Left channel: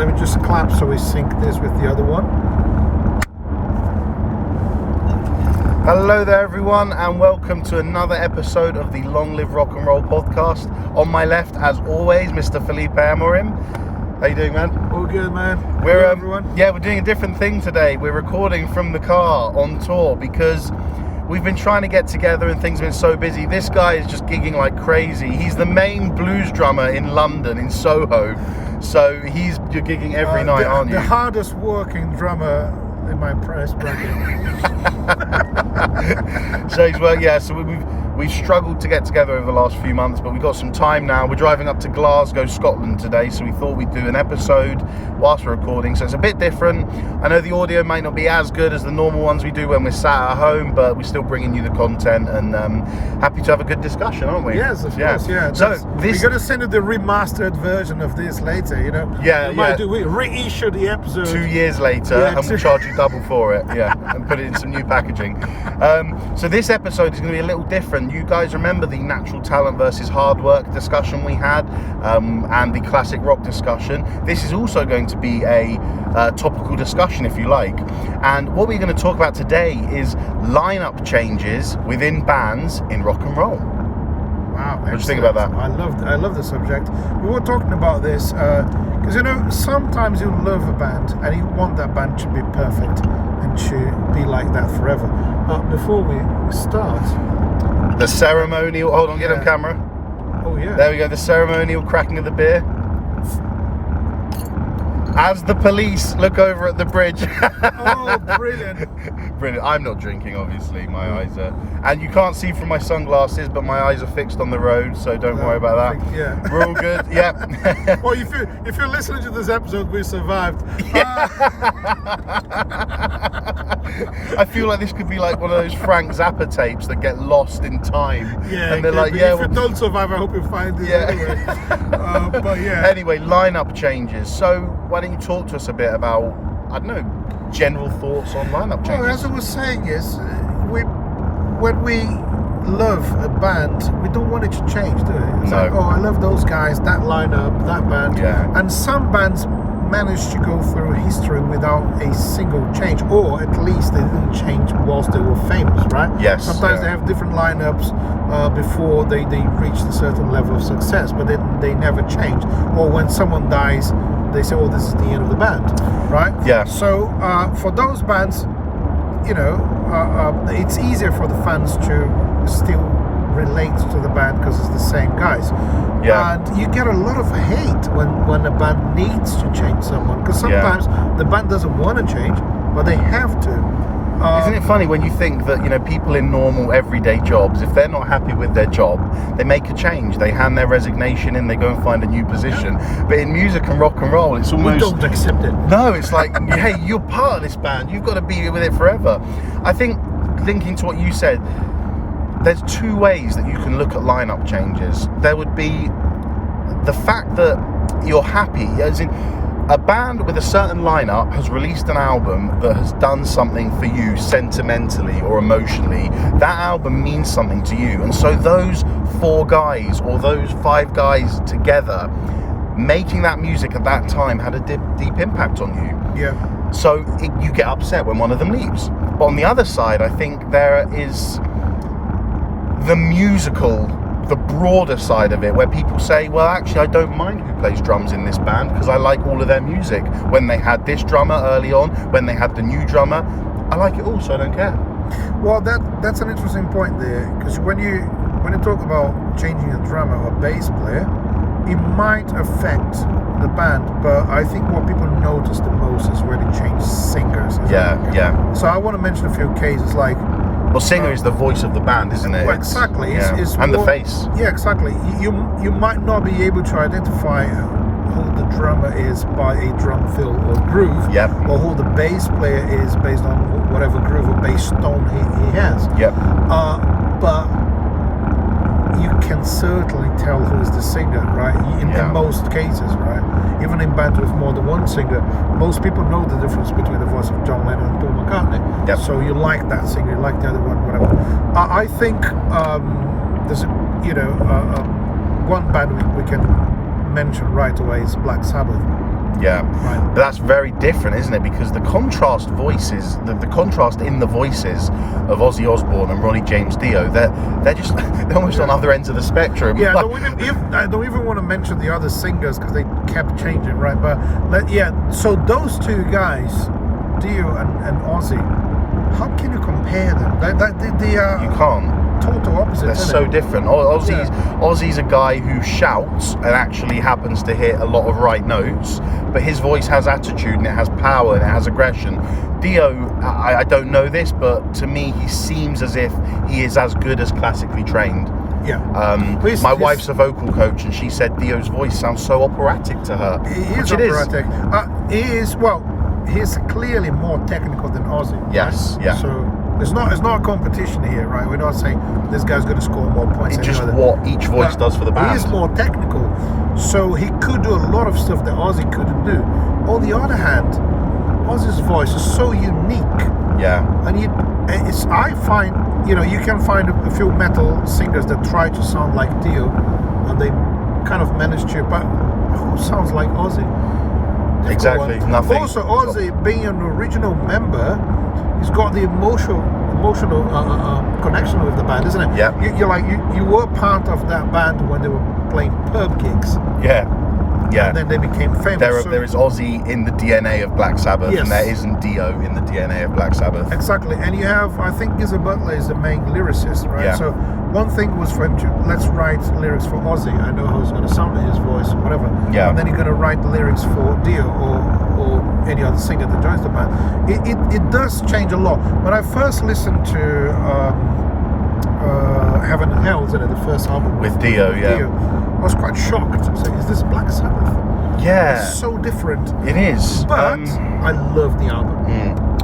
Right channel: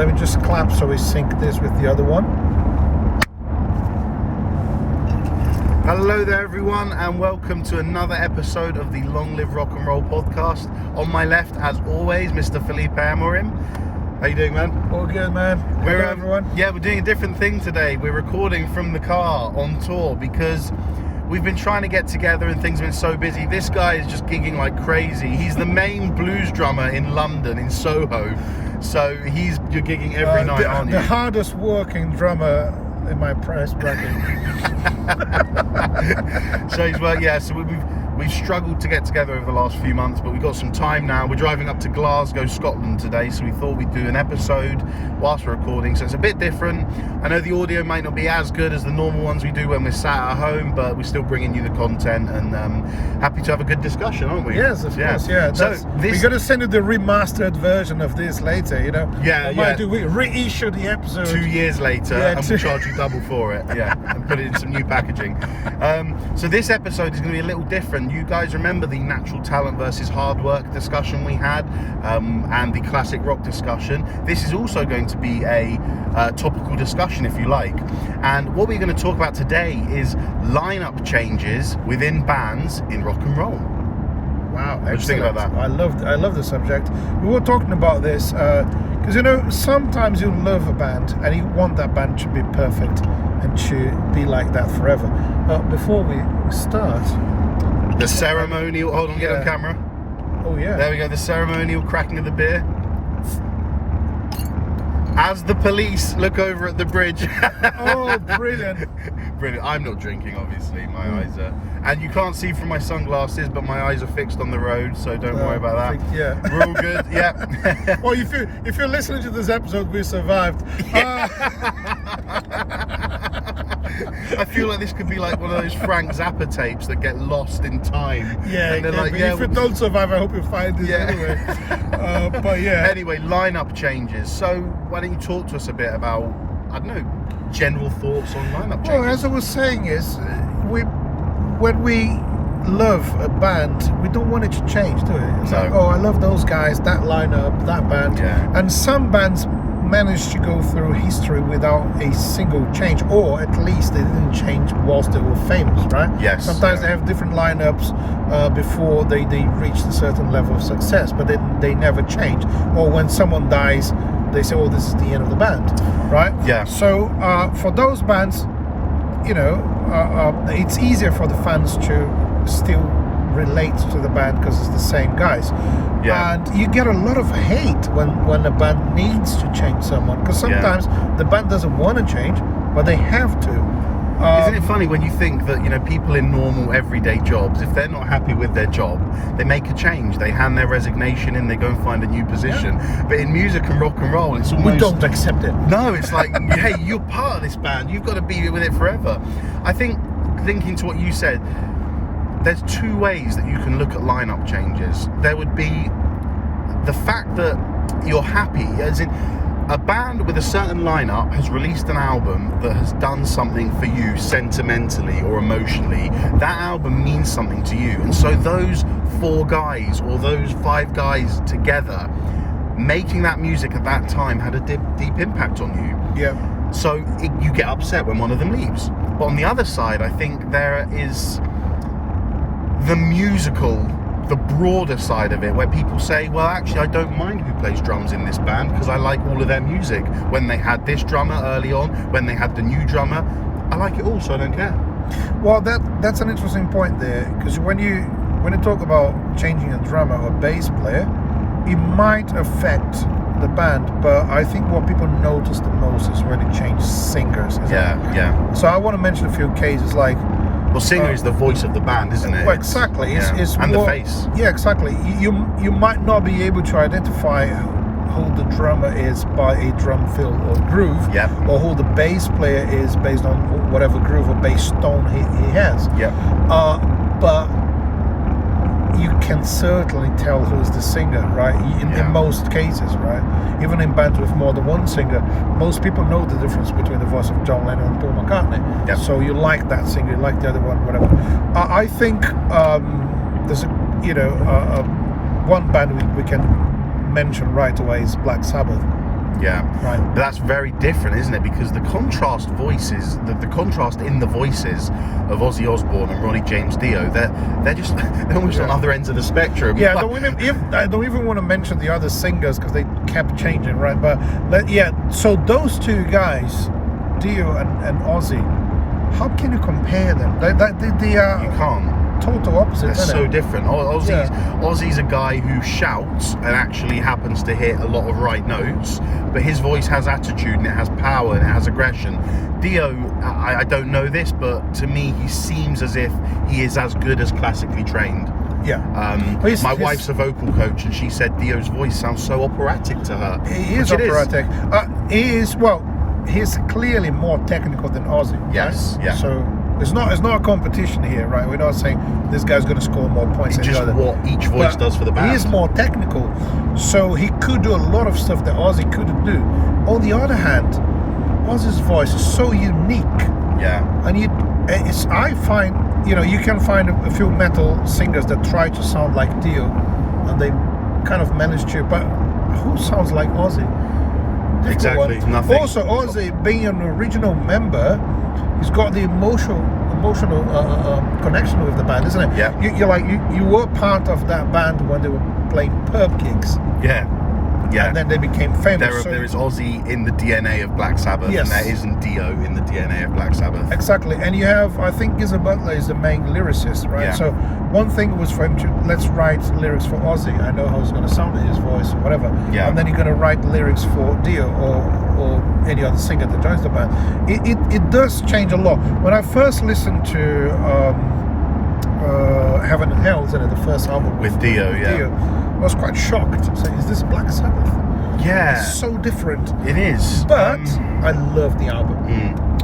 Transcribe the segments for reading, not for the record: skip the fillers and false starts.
Let me just clap so we sync this with the other one. Hello there everyone, and welcome to another episode of the Long Live Rock and Roll podcast. On my left, as always, Mr. Felipe Amorim. How you doing, man? All good, man. Hello, everyone. Yeah, we're doing a different thing today. We're recording from the car on tour because we've been trying to get together and things have been so busy. This guy is just gigging like crazy. He's the main blues drummer in London, in Soho. So you're gigging every night, aren't you? The hardest working drummer in my price bracket. So we've struggled to get together over the last few months, but we've got some time now. We're driving up to Glasgow, Scotland today, so we thought we'd do an episode whilst we're recording, so it's a bit different. I know the audio might not be as good as the normal ones we do when we're sat at home, but we're still bringing you the content, and happy to have a good discussion, aren't we? Yes, of course, yeah. So we're going to send you the remastered version of this later, you know? We reissue the episode 2 years later, and we'll charge you double for it, and put it in some new packaging. So this episode is going to be a little different. You guys remember the natural talent versus hard work discussion we had, and the classic rock discussion. This is also going to be a topical discussion, if you like. And what we're going to talk about today is lineup changes within bands in rock and roll. Wow, what do you think about that? I love the subject. We were talking about this because sometimes you love a band and you want that band to be perfect and to be like that forever. Before we start, the ceremonial. Hold on, get on camera. Oh yeah. There we go. The ceremonial cracking of the beer. As the police look over at the bridge. Oh, brilliant. Brilliant. I'm not drinking, obviously. My eyes are... And you can't see from my sunglasses, but my eyes are fixed on the road, so don't worry about that. Yeah. We're all good, yeah. Well, if you're listening to this episode, we survived. I feel like this could be like one of those Frank Zappa tapes that get lost in time. Yeah, and they're like, if you don't survive, I hope you find this anyway. But yeah. Anyway, lineup changes. So why don't you talk to us a bit about, I don't know, general thoughts on lineup changes? Well, as I was saying is, when we love a band, we don't want it to change, do we? It's like, I love those guys, that lineup, that band. Yeah. And some bands managed to go through history without a single change, or at least they didn't change whilst they were famous, right? Yes. Sometimes they have different lineups before they reached a certain level of success, but they never change. Or when someone dies, they say, this is the end of the band, right? Yeah. So for those bands, it's easier for the fans to still relate to the band because it's the same guys. Yeah. And you get a lot of hate when a band needs to change someone, because sometimes the band doesn't want to change, but they have to. Isn't it funny when you think that, people in normal everyday jobs, if they're not happy with their job, they make a change, they hand their resignation in, they go and find a new position. But in music and rock and roll, it's almost... We don't accept it. No, it's like, hey, you're part of this band, you've got to be with it forever. I think, linking to what you said, there's two ways that you can look at lineup changes. There would be the fact that you're happy, as in, a band with a certain lineup has released an album that has done something for you sentimentally or emotionally. That album means something to you, and so those 4 guys or those 5 guys together making that music at that time had a deep impact on you. Yeah. So you get upset when one of them leaves. But on the other side, I think there is the musical, the broader side of it, where people say, well, actually, I don't mind who plays drums in this band because I like all of their music. When they had this drummer early on, when they had the new drummer, I like it all, so I don't care. Well, that's an interesting point there, because when you talk about changing a drummer or bass player, it might affect the band, but I think what people notice the most is when they change singers. Yeah. So I want to mention a few cases like... Well, singer is the voice of the band, isn't it? Well, exactly. It's and more, the face. Yeah, exactly. You might not be able to identify who the drummer is by a drum fill or groove, or who the bass player is based on whatever groove or bass tone he has. But you can certainly tell who's the singer, right? In most cases, right? Even in bands with more than one singer, most people know the difference between the voice of John Lennon and Paul McCartney. So you like that singer, you like the other one, whatever. I think there's one band we can mention right away is Black Sabbath. Yeah. Right. But that's very different, isn't it? Because the contrast voices, the contrast in the voices of Ozzy Osbourne and Ronnie James Dio, they're almost on other ends of the spectrum. Yeah, I don't even want to mention the other singers because they kept changing, right? But so those two guys, Dio and Ozzy, how can you compare them? They are You can't. total opposites. They're so it? different. Ozzy's a guy who shouts and actually happens to hit a lot of right notes, but his voice has attitude and it has power and it has aggression. Dio, I don't know this, but to me he seems as if he is as good as classically trained. Yeah. My wife's a vocal coach and she said Dio's voice sounds so operatic to her. He is operatic. He's clearly more technical than Ozzy. Yes, right? yeah. So it's not a competition here, right? We're not saying this guy's going to score more points It's than just the other. what each voice does for the band. He is more technical, so he could do a lot of stuff that Ozzy couldn't do. On the other hand, Ozzy's voice is so unique. Yeah. And I find, you can find a few metal singers that try to sound like Dio, and they kind of manage to, but who sounds like Ozzy? Exactly, nothing. Also, Ozzy, being an original member, he's got the emotional connection with the band, isn't it? Yeah. You were part of that band when they were playing pub gigs. Yeah. Yeah. And then they became famous. There is Ozzy in the DNA of Black Sabbath, Yes. and there isn't Dio in the DNA of Black Sabbath. Exactly, and you have, I think Geezer Butler is the main lyricist, right? Yeah. So one thing was for him to, let's write lyrics for Ozzy. I know how it's going to sound in his voice, or whatever. Yeah. And then you're going to write the lyrics for Dio or any other singer that joins the band. It does change a lot. When I first listened to Heaven and Hell, the first album With Dio, yeah. I was quite shocked. I said, is this Black Sabbath? Yeah. It's so different. It is. But I love the album.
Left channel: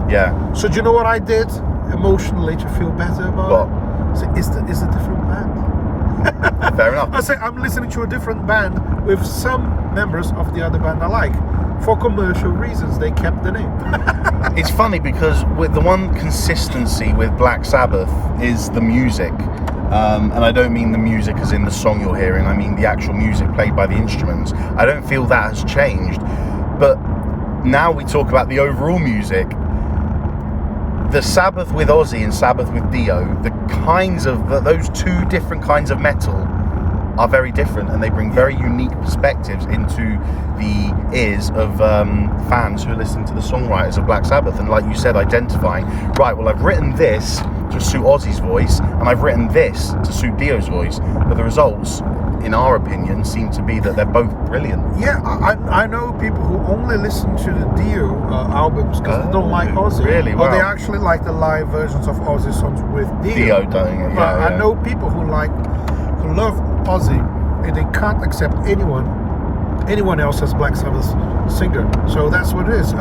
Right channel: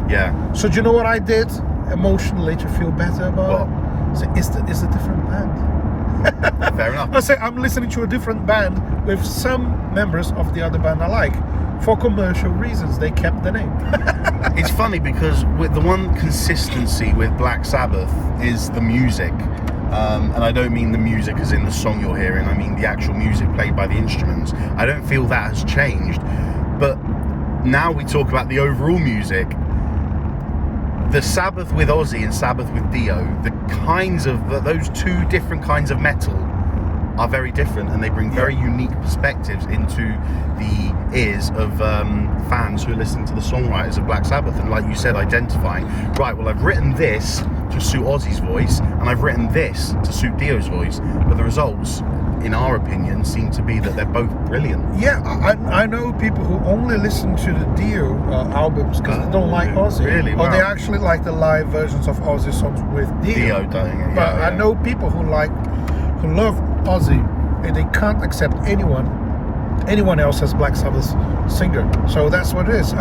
Yeah. So do you know what I did emotionally to feel better about it? So it's a different band. Fair enough. I say I'm listening to a different band with some members of the other band I like. For commercial reasons, they kept the name. It's funny because with the one consistency with Black Sabbath is the music. And I don't mean the music as in the song you're hearing, I mean the actual music played by the instruments. I don't feel that has changed. But now we talk about the overall music. The Sabbath with Ozzy and Sabbath with Dio, those two different kinds of metal are very different, and they bring very unique perspectives into the ears of fans who listen to the songwriters of Black Sabbath. And like you said, identifying, right, well, I've written this to suit Ozzy's voice, and I've written this to suit Dio's voice, but the results, in our opinion, seem to be that they're both brilliant. Yeah, I know people who only listen to the Dio albums because they don't like Ozzy. Really? Or Wow. they actually like the live versions of Ozzy songs with Dio. Doing it, But yeah. I know people who love Ozzy, and they can't accept anyone else as Black Sabbath's singer. So that's what it is.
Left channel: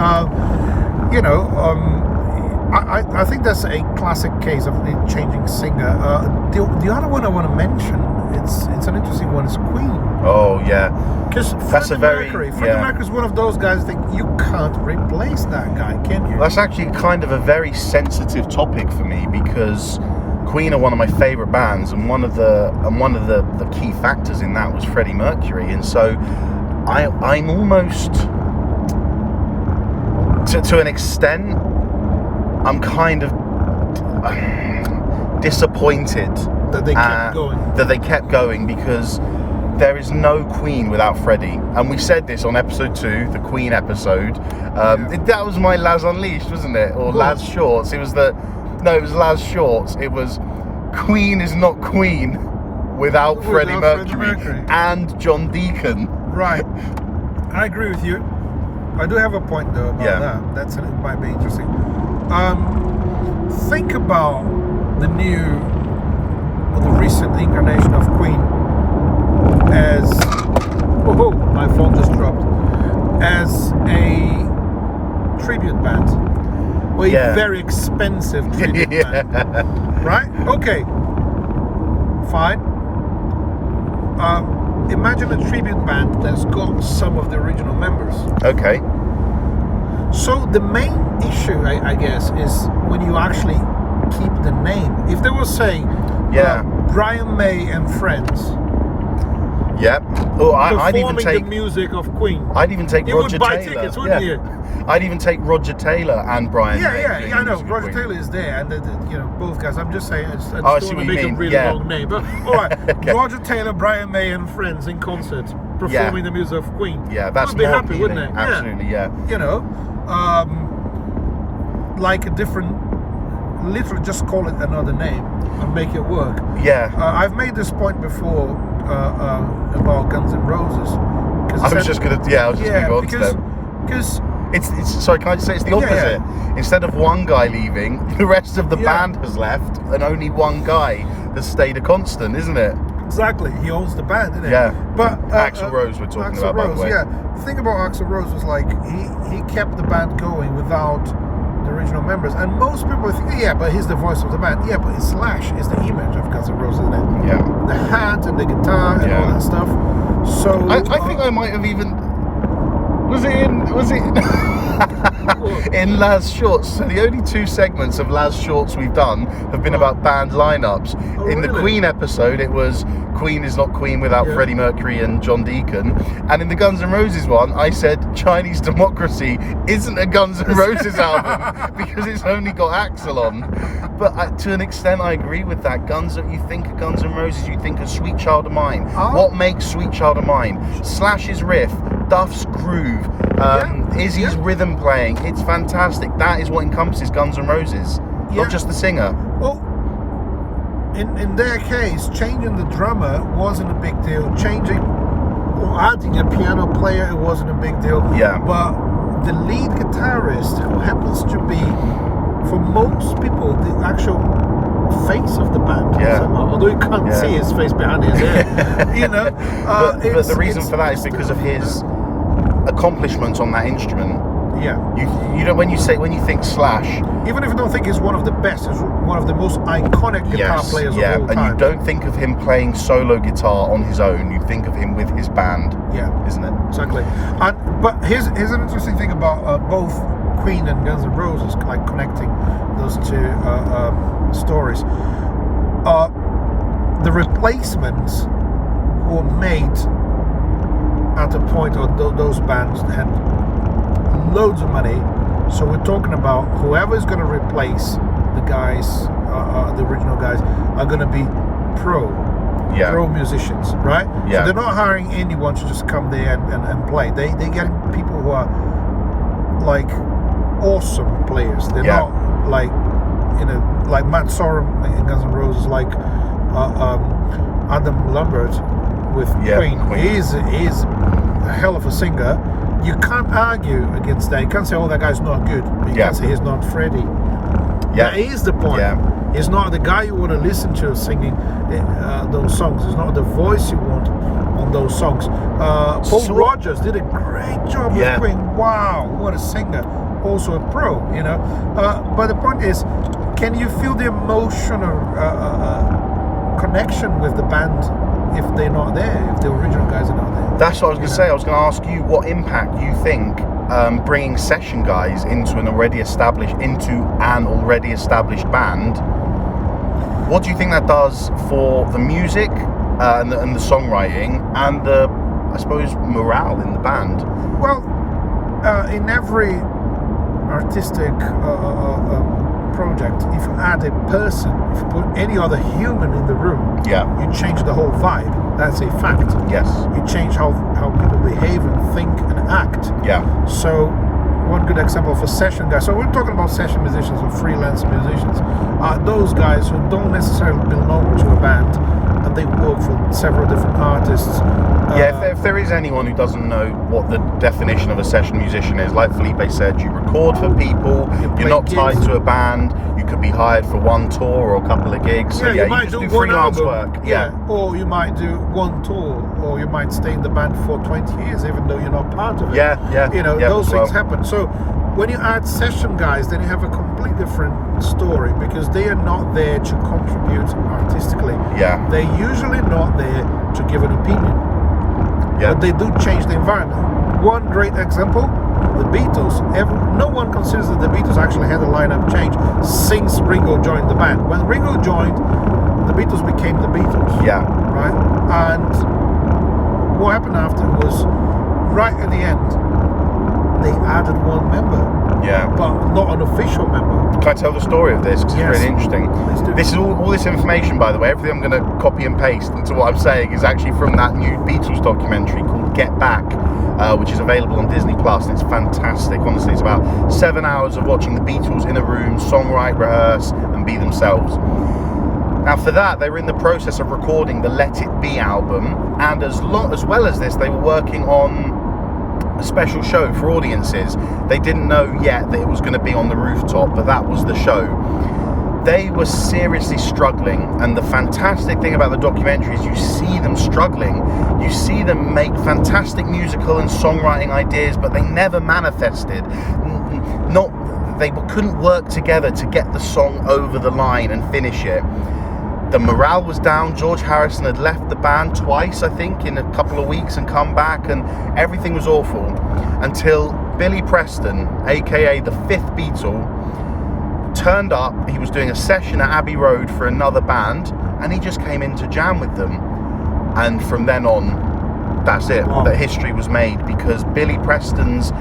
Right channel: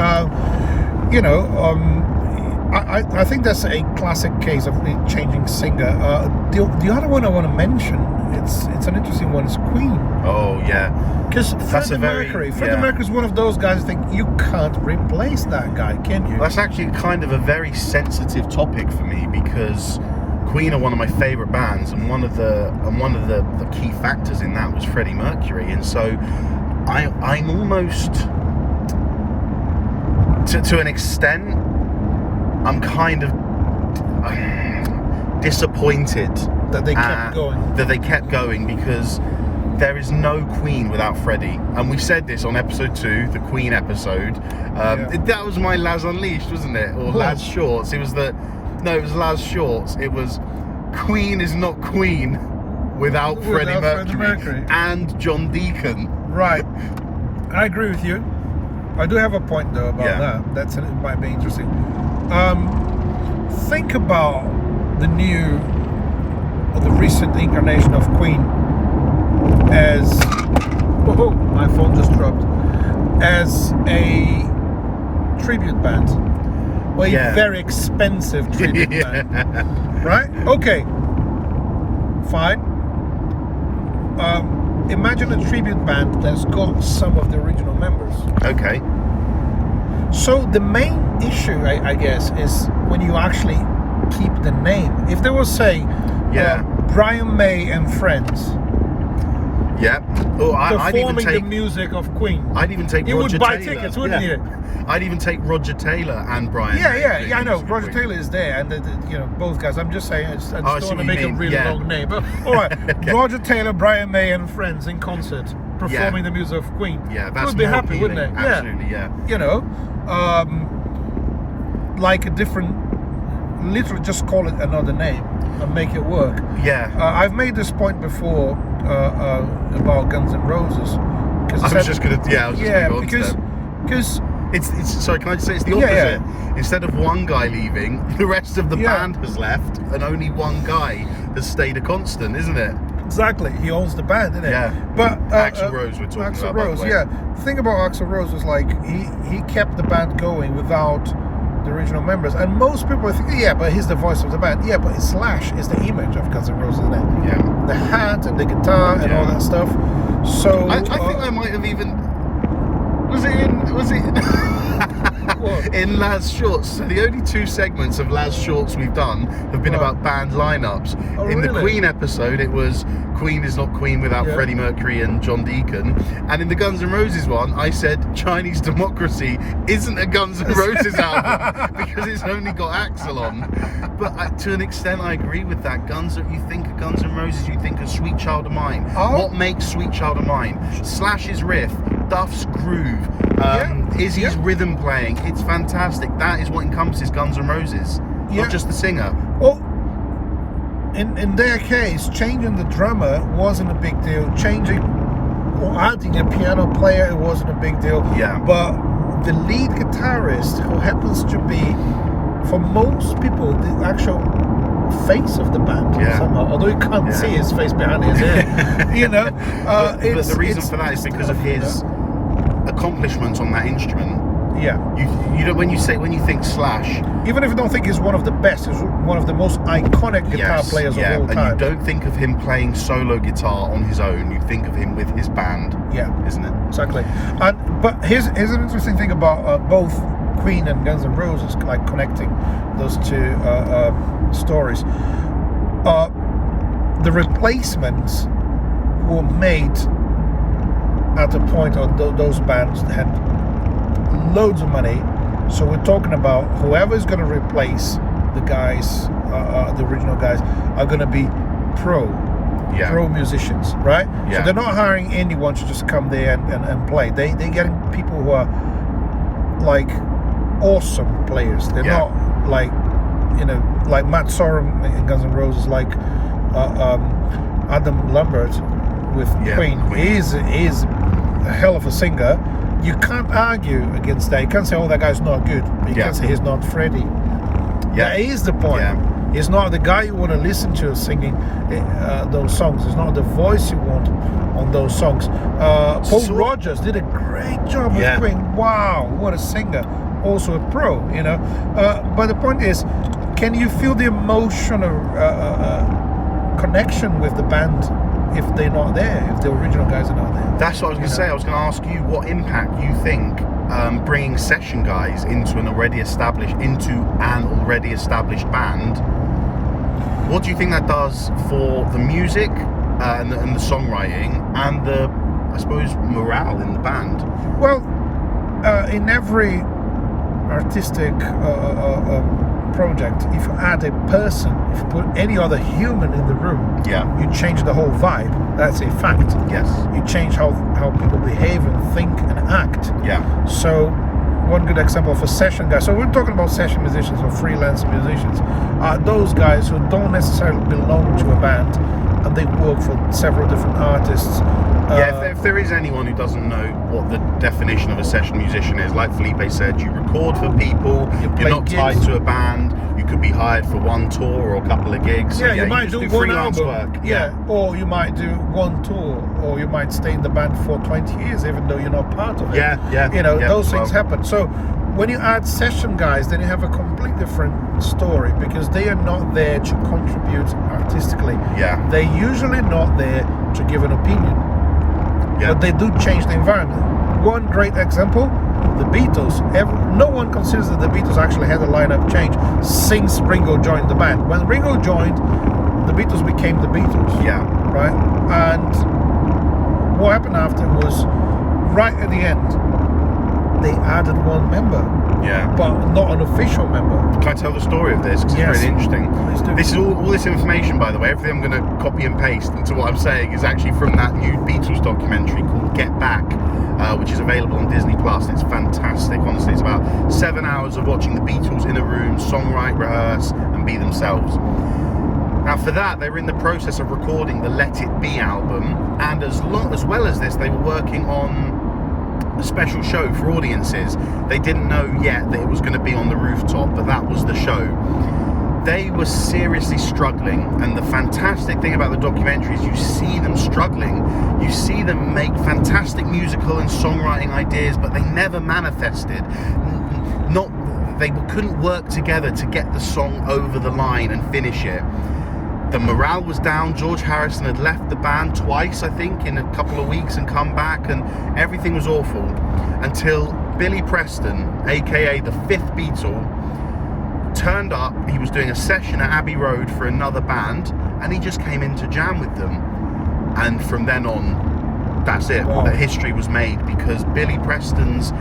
I think that's a classic case of a changing singer. The other one I want to mention, it's an interesting one, is Queen. Oh, yeah. Because Freddie Mercury is one of those guys I think you can't replace that guy, can you? That's actually kind of a very sensitive topic for me because Queen are one of my favourite bands, and one of the key factors in that was Freddie Mercury, and so I'm almost to an extent I'm kind of disappointed that they kept going. Because there is no Queen without Freddie, and we said this on episode 2, the Queen episode. That was my Laz Unleashed, wasn't it? Or Laz Shorts. It was Laz Shorts. It was Queen is not Queen without Freddie Mercury and John Deacon. Right. I agree with you. I do have a point though about that. It might be interesting. Think about the recent incarnation of Queen as my phone just dropped, as a tribute band, or a very expensive tribute band, right? Okay, fine. Imagine a tribute band that's got some of the original members. Okay. So the main issue, I guess, is when you actually keep the name. If they were, say, Brian May and Friends, Yep. Oh, I'd even performing take the music of Queen. I'd even take You Roger would buy Taylor. tickets, wouldn't you? I'd even take Roger Taylor and Brian May. Yeah, I know. Roger Taylor is there, and both guys. I'm just saying, I just don't I want see to what you make a mean. really long name. But all right, Okay. Roger Taylor, Brian May, and friends in concert performing the music of Queen. Yeah, that's would be more happy, appealing. wouldn't they? Absolutely, yeah. Like a different. Literally, just call it another name and make it work. Yeah. I've made this point before about Guns N' Roses. I was just going to go on to them. Because it's sorry, can I just say it's the opposite? Yeah. Instead of one guy leaving, the rest of the band has left, and only one guy has stayed a constant, isn't it? Exactly, he owns the band, isn't it? Yeah. But Axl Rose we're talking about, by the way. Yeah. The thing about Axl Rose was like he kept the band going without the original members, and most people think, but he's the voice of the band. Yeah, but Slash is the image of Guns N' Roses, isn't it? Yeah. The hat and the guitar and all that stuff. So I think I might have even. Was it in Laz Shorts? So the only 2 segments of Laz Shorts we've done have been about band lineups. In the Queen episode, it was Queen is not Queen without Freddie Mercury and John Deacon. And in the Guns N' Roses one, I said Chinese Democracy isn't a Guns N' Roses album because it's only got Axl on. But to an extent, I agree with that. You think of Guns N' Roses, you think of Sweet Child of Mine. What makes Sweet Child of Mine? Slash's riff, Duff's groove, Izzy's rhythm playing. It's fantastic. That is what encompasses Guns N' Roses, not just the singer. Well, in their case, changing the drummer wasn't a big deal. Changing or adding a piano player, it wasn't a big deal. Yeah. But the lead guitarist, who happens to be, for most people, the actual face of the band, somehow, although you can't see his face behind his head, but the reason for that is because of his accomplishments on that instrument. Yeah. You know, when you think Slash, even if you don't think he's one of the best, he's one of the most iconic guitar players of all time. And you don't think of him playing solo guitar on his own. You think of him with his band. Yeah, isn't it? Exactly. But here's an interesting thing about both Queen and Guns N' Roses, like connecting those 2 stories. The replacements were made at a point of those bands had loads of money, so we're talking about whoever is going to replace the guys, the original guys, are going to be pro musicians, right? Yeah. So they're not hiring anyone to just come there and play. They're getting people who are like awesome players. They're not like like Matt Sorum in Guns N' Roses, like Adam Lambert with Queen. He is a hell of a singer. You can't argue against that. You can't say, that guy's not good. But you can't say he's not Freddie. Yeah. That is the point. Yeah. He's not the guy you want to listen to singing those songs. It's not the voice you want on those songs. Paul Rogers did a great job with Queen. Wow, what a singer. Also a pro, But the point is, can you feel the emotional connection with the band if they're not there, if the original guys are not there? That's what I was going to say. I was going to ask you what impact you think bringing session guys into an already established band. What do you think that does for the music and the songwriting and the, I suppose, morale in the band? Well, in every artistic project, if you add a person, if you put any other human in the room, you change the whole vibe. That's a fact. Yes. You change how people behave and think and act. Yeah. So one good example of a session guy. So we're talking about session musicians or freelance musicians. Those guys who don't necessarily belong to a band and they work for several different artists. If there is anyone who doesn't know what the definition of a session musician is, like Felipe said, you record for people, you're not tied to a band, you could be hired for one tour or a couple of gigs. Yeah, you might do freelance work. Yeah, or you might do one tour, or you might stay in the band for 20 years even though you're not part of it. Those things happen. So when you add session guys, then you have a completely different story because they are not there to contribute artistically. Yeah. They're usually not there to give an opinion. Yeah. But they do change the environment. One great example, the Beatles. No one considers that the Beatles actually had a lineup change since Ringo joined the band. When Ringo joined, the Beatles became the Beatles. Yeah. Right? And what happened after was, right at the end, they added one member. Yeah. But not an official member. Can I tell the story of this? Because Yes. it's really interesting. Please do. This is all this information, by the way, everything I'm going to copy and paste into what I'm saying is actually from that new Beatles documentary called Get Back, which is available on Disney Plus. It's fantastic, honestly. It's about 7 hours of watching the Beatles in a room, songwrite, rehearse, and be themselves. Now, for that, they were in the process of recording the Let It Be album, and as well as this, they were working on a special show for audiences. They didn't know yet that it was going to be on the rooftop, but that was the show. They were seriously struggling, and the fantastic thing about the documentary is you see them struggling. You see them make fantastic musical and songwriting ideas, but they never manifested. They couldn't work together to get the song over the line and finish it. The morale was down. George Harrison had left the band twice, I think, in a couple of weeks and come back, and everything was awful until Billy Preston, aka the fifth Beatle, turned up. He was doing a session at Abbey Road for another band, and he just came in to jam with them. And from then on, that's it. Wow. The history was made, because Billy Preston's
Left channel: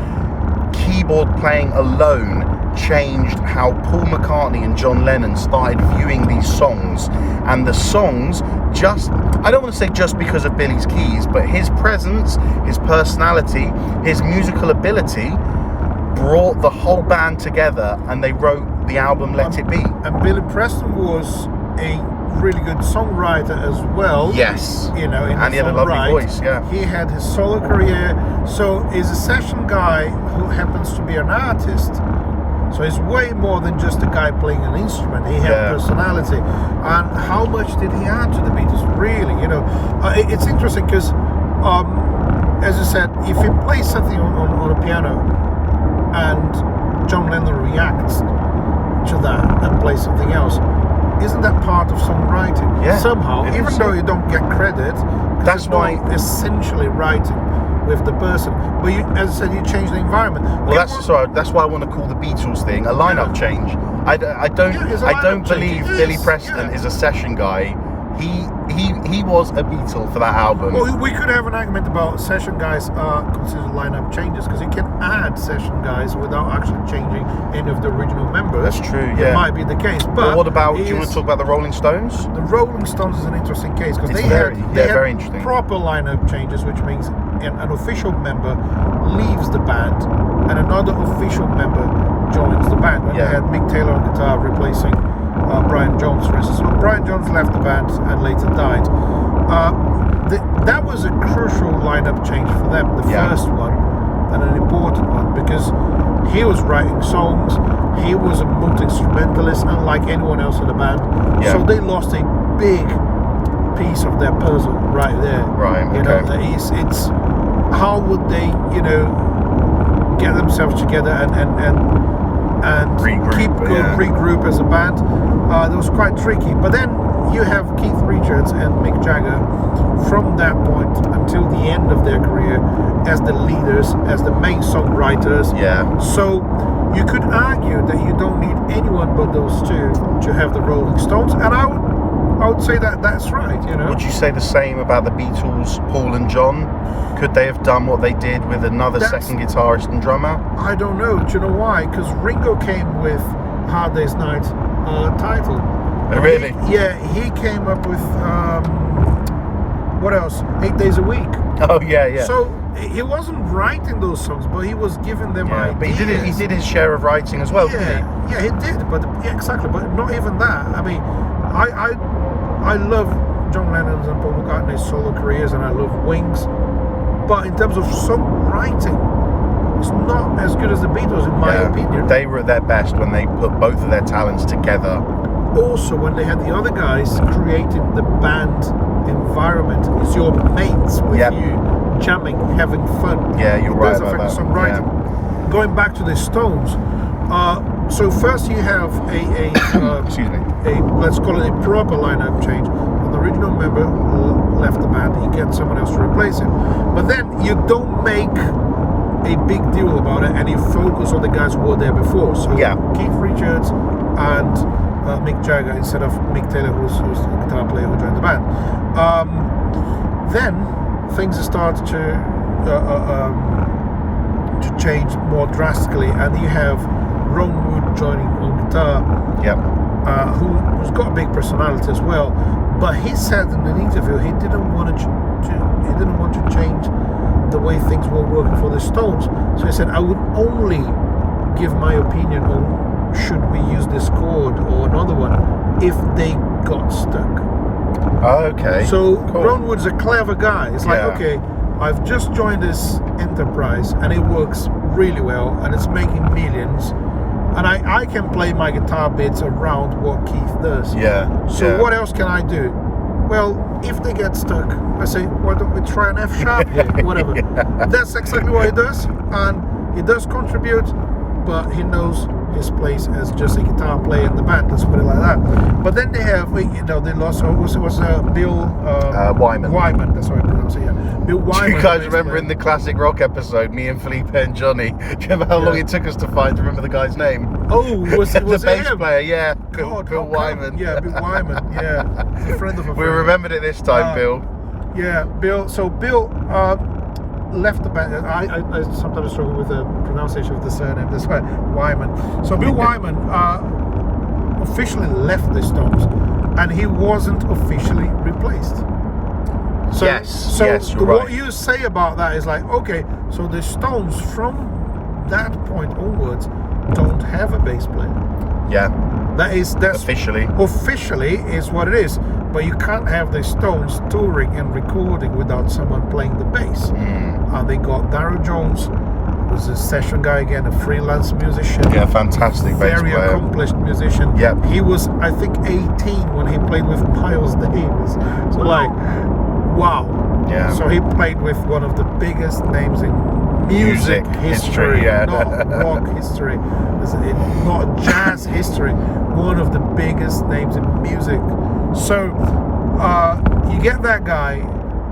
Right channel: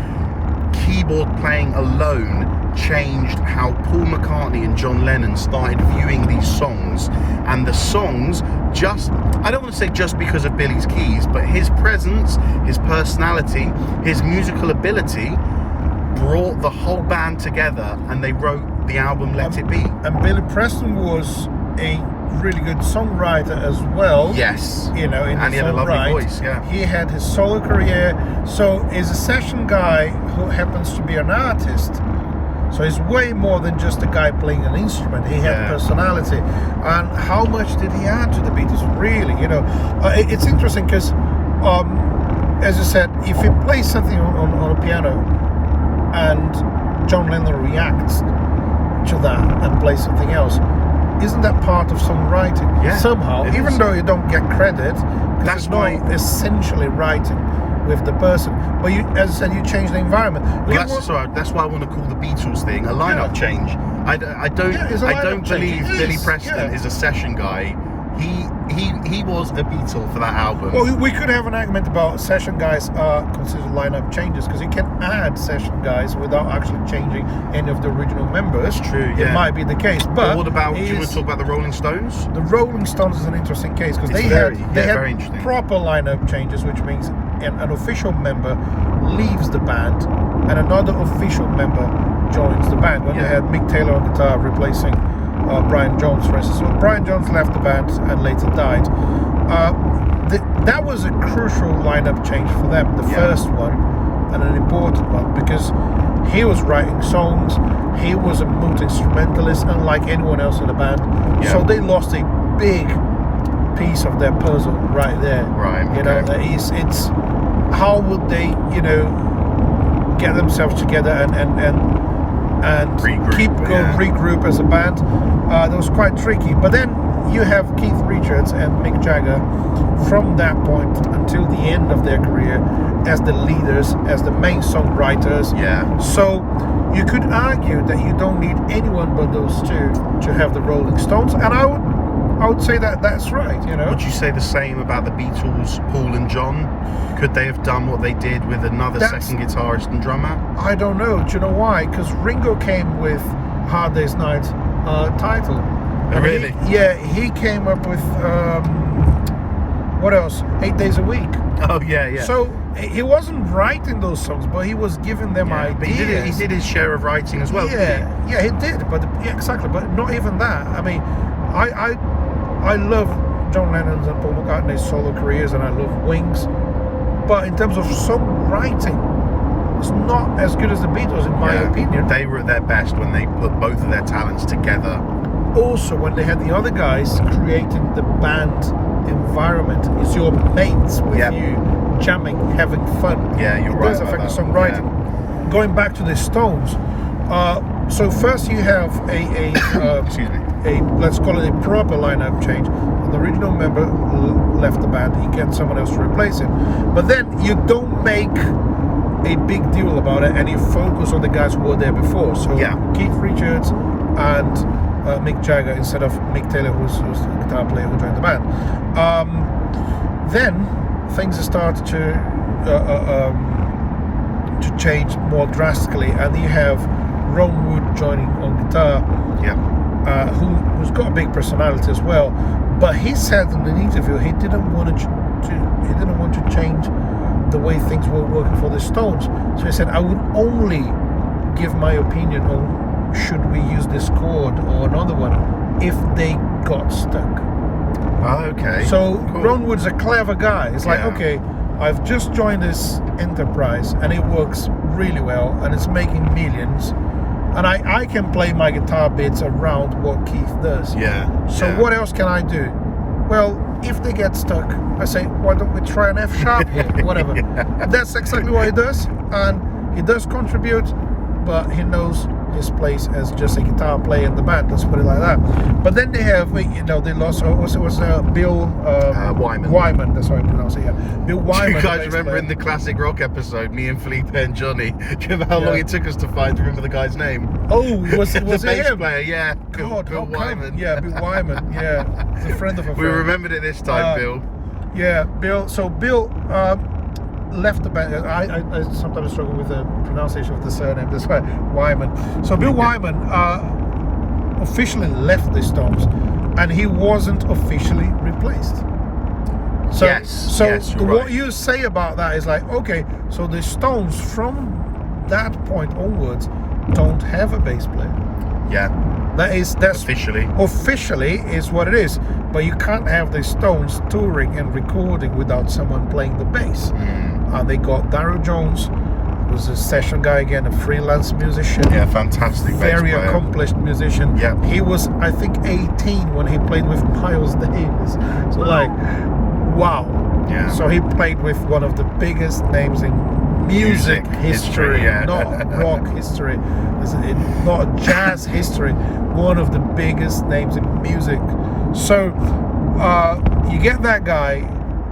keyboard playing alone changed how Paul McCartney and John Lennon started viewing these songs. And the songs, I don't want to say just because of Billy's keys, but his presence, his personality, his musical ability brought the whole band together, and they wrote the album Let It Be. And Billy Preston was a really good songwriter as well. Yes. You know, in and he had a lovely voice, yeah. He had his solo career, so is a session guy who happens to be an artist. So he's way more than just a guy playing an instrument. He had personality. And how much did he add to the Beatles? Really, you know, it's interesting because, as I said, if he plays something on a piano and John Lennon reacts to that and plays something else, isn't that part of songwriting? Yeah, Somehow, even though you don't get credit, that's why essentially writing with the person. But you, as I said, you change the environment. Well, that's why I want to call the Beatles thing a lineup change. I don't believe Billy Preston is a session guy. He was a Beatle for that album. Well, we could have an argument about session guys are considered lineup changes, because you can add session guys without actually changing any of the original members. That's true, yeah. It might be the case. But what about, do you want to talk about the Rolling Stones? The Rolling Stones is an interesting case, because they very had interesting. proper lineup changes, which means an official member leaves the band and another official member joins the band. When they had Mick Taylor on guitar replacing Brian Jones, for instance. So Brian Jones left the band and later died. That was a crucial lineup change for them, the first one, and an important one, because he was writing songs, he was a multi-instrumentalist, unlike anyone else in the band. So they lost a big piece of their puzzle right there. Right. You know, it's how would they, you know, get themselves together and regroup as a band. That was quite tricky. But then you have Keith Richards and Mick Jagger from that point until the end of their career as the leaders, as the main songwriters. Yeah. So you could argue that you don't need anyone but those two to have the Rolling Stones, and I would say that that's right, you know. Would you say the same about the Beatles, Paul and John? Could they have done what they did with another second guitarist and drummer? I don't know. Do you know why? Because Ringo came with Hard Day's Night title. Oh, really? He came up with, what else? 8 Days a Week. Oh, yeah. So he wasn't writing those songs, but he was giving them ideas. But he did his share of writing as well, didn't he? Yeah, he did. But exactly. But not even that. I mean, I love John Lennon's and Paul McCartney's solo careers, and I love Wings. But in terms of songwriting, it's not as good as the Beatles, in my opinion. They were at their best when they put both of their talents together. Also, when they had the other guys creating the band environment, it's your mates with you, jamming, having fun. Yeah, you're right. It does affect the songwriting. Yeah. Going back to the Stones, so first you have excuse me, let's call it a proper lineup change. The original member left the band, he gets someone else to replace him. But then you don't make a big deal about it, and you focus on the guys who were there before. So Keith Richards and Mick Jagger instead of Mick Taylor, who's the guitar player who joined the band. Then things started to change more drastically, and you have Ron Wood joining on guitar, who's got a big personality as well. But he said in an interview he didn't want to change the way things were working for the Stones. So he said, I would only give my opinion on should we use this chord or another one if they got stuck. Okay. So cool. Ron Wood's a clever guy. It's like, okay, I've just joined this enterprise and it works really well and it's making millions, and I can play my guitar bits around what Keith does. So what else can I do? Well, if they get stuck, I say, why don't we try an F sharp here? Whatever. That's exactly what he does, and he does contribute, but he knows his place as just a guitar player in the band. Let's put it like that. But then they have, they lost. Bill Wyman. Wyman. That's what I pronounce it. Yeah, Bill Wyman. Do you guys remember in the classic rock episode, me and Felipe and Johnny? Do you remember how long it took us to remember the guy's name? Oh, was the it bass him? player? Yeah, Bill Wyman. Yeah, Bill Wyman. Yeah, he's a friend of a friend. We remembered it this time, Bill. Yeah, Bill. So Bill left the band. I sometimes struggle with the pronunciation of the surname. That's why Wyman. So Bill Wyman officially left the Stones, and he wasn't officially replaced. So, what you say about that is like, okay, so the Stones from that point onwards don't have a bass player. Yeah. That's officially is what it is. But you can't have the Stones touring and recording without someone playing the bass. They got Darryl Jones, who's a session guy again, a freelance musician. Yeah, fantastic bass player. Very accomplished musician. Yeah. He was, I think, 18 when he played with Miles Davis. So like, wow. Yeah. So he played with one of the biggest names in music history, not rock history, not jazz history. One of the biggest names in music. So you get that guy,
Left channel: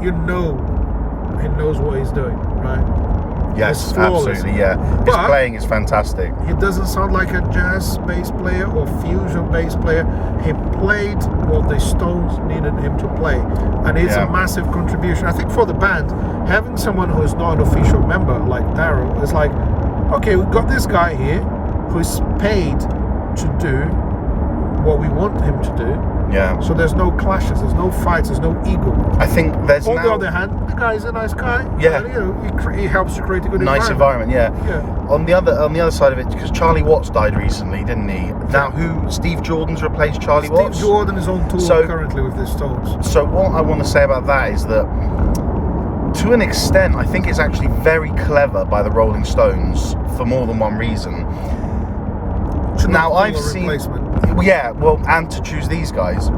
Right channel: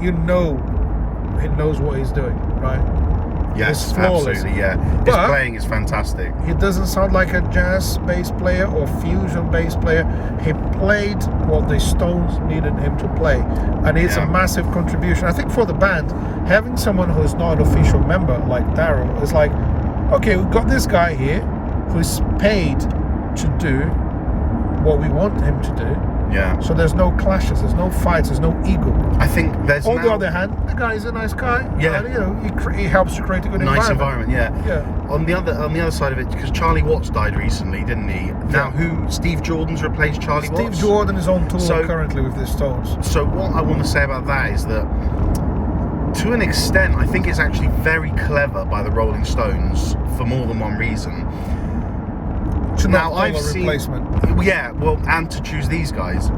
he knows what he's doing, right? Yes, absolutely, yeah. His playing is fantastic. He doesn't sound like a jazz bass player or fusion bass player. He played what the Stones needed him to play, and it's a massive contribution. I think for the band, having someone who's not an official member like Darryl is like, okay, we've got this guy here who's paid to do what we want him to do. Yeah. So there's no clashes, there's no fights, there's no ego. I think there's on the other hand, the guy's a nice guy. Yeah. He helps to create a good environment. Yeah. On the other side of it, because Charlie Watts died recently, didn't he? Now, Steve Jordan's replaced Charlie Watts. Steve Jordan is on tour currently with the Stones. So what I want to say about that is that, to an extent, I think it's actually very clever by the Rolling Stones for more than one reason. Now I've seen, and to choose these guys.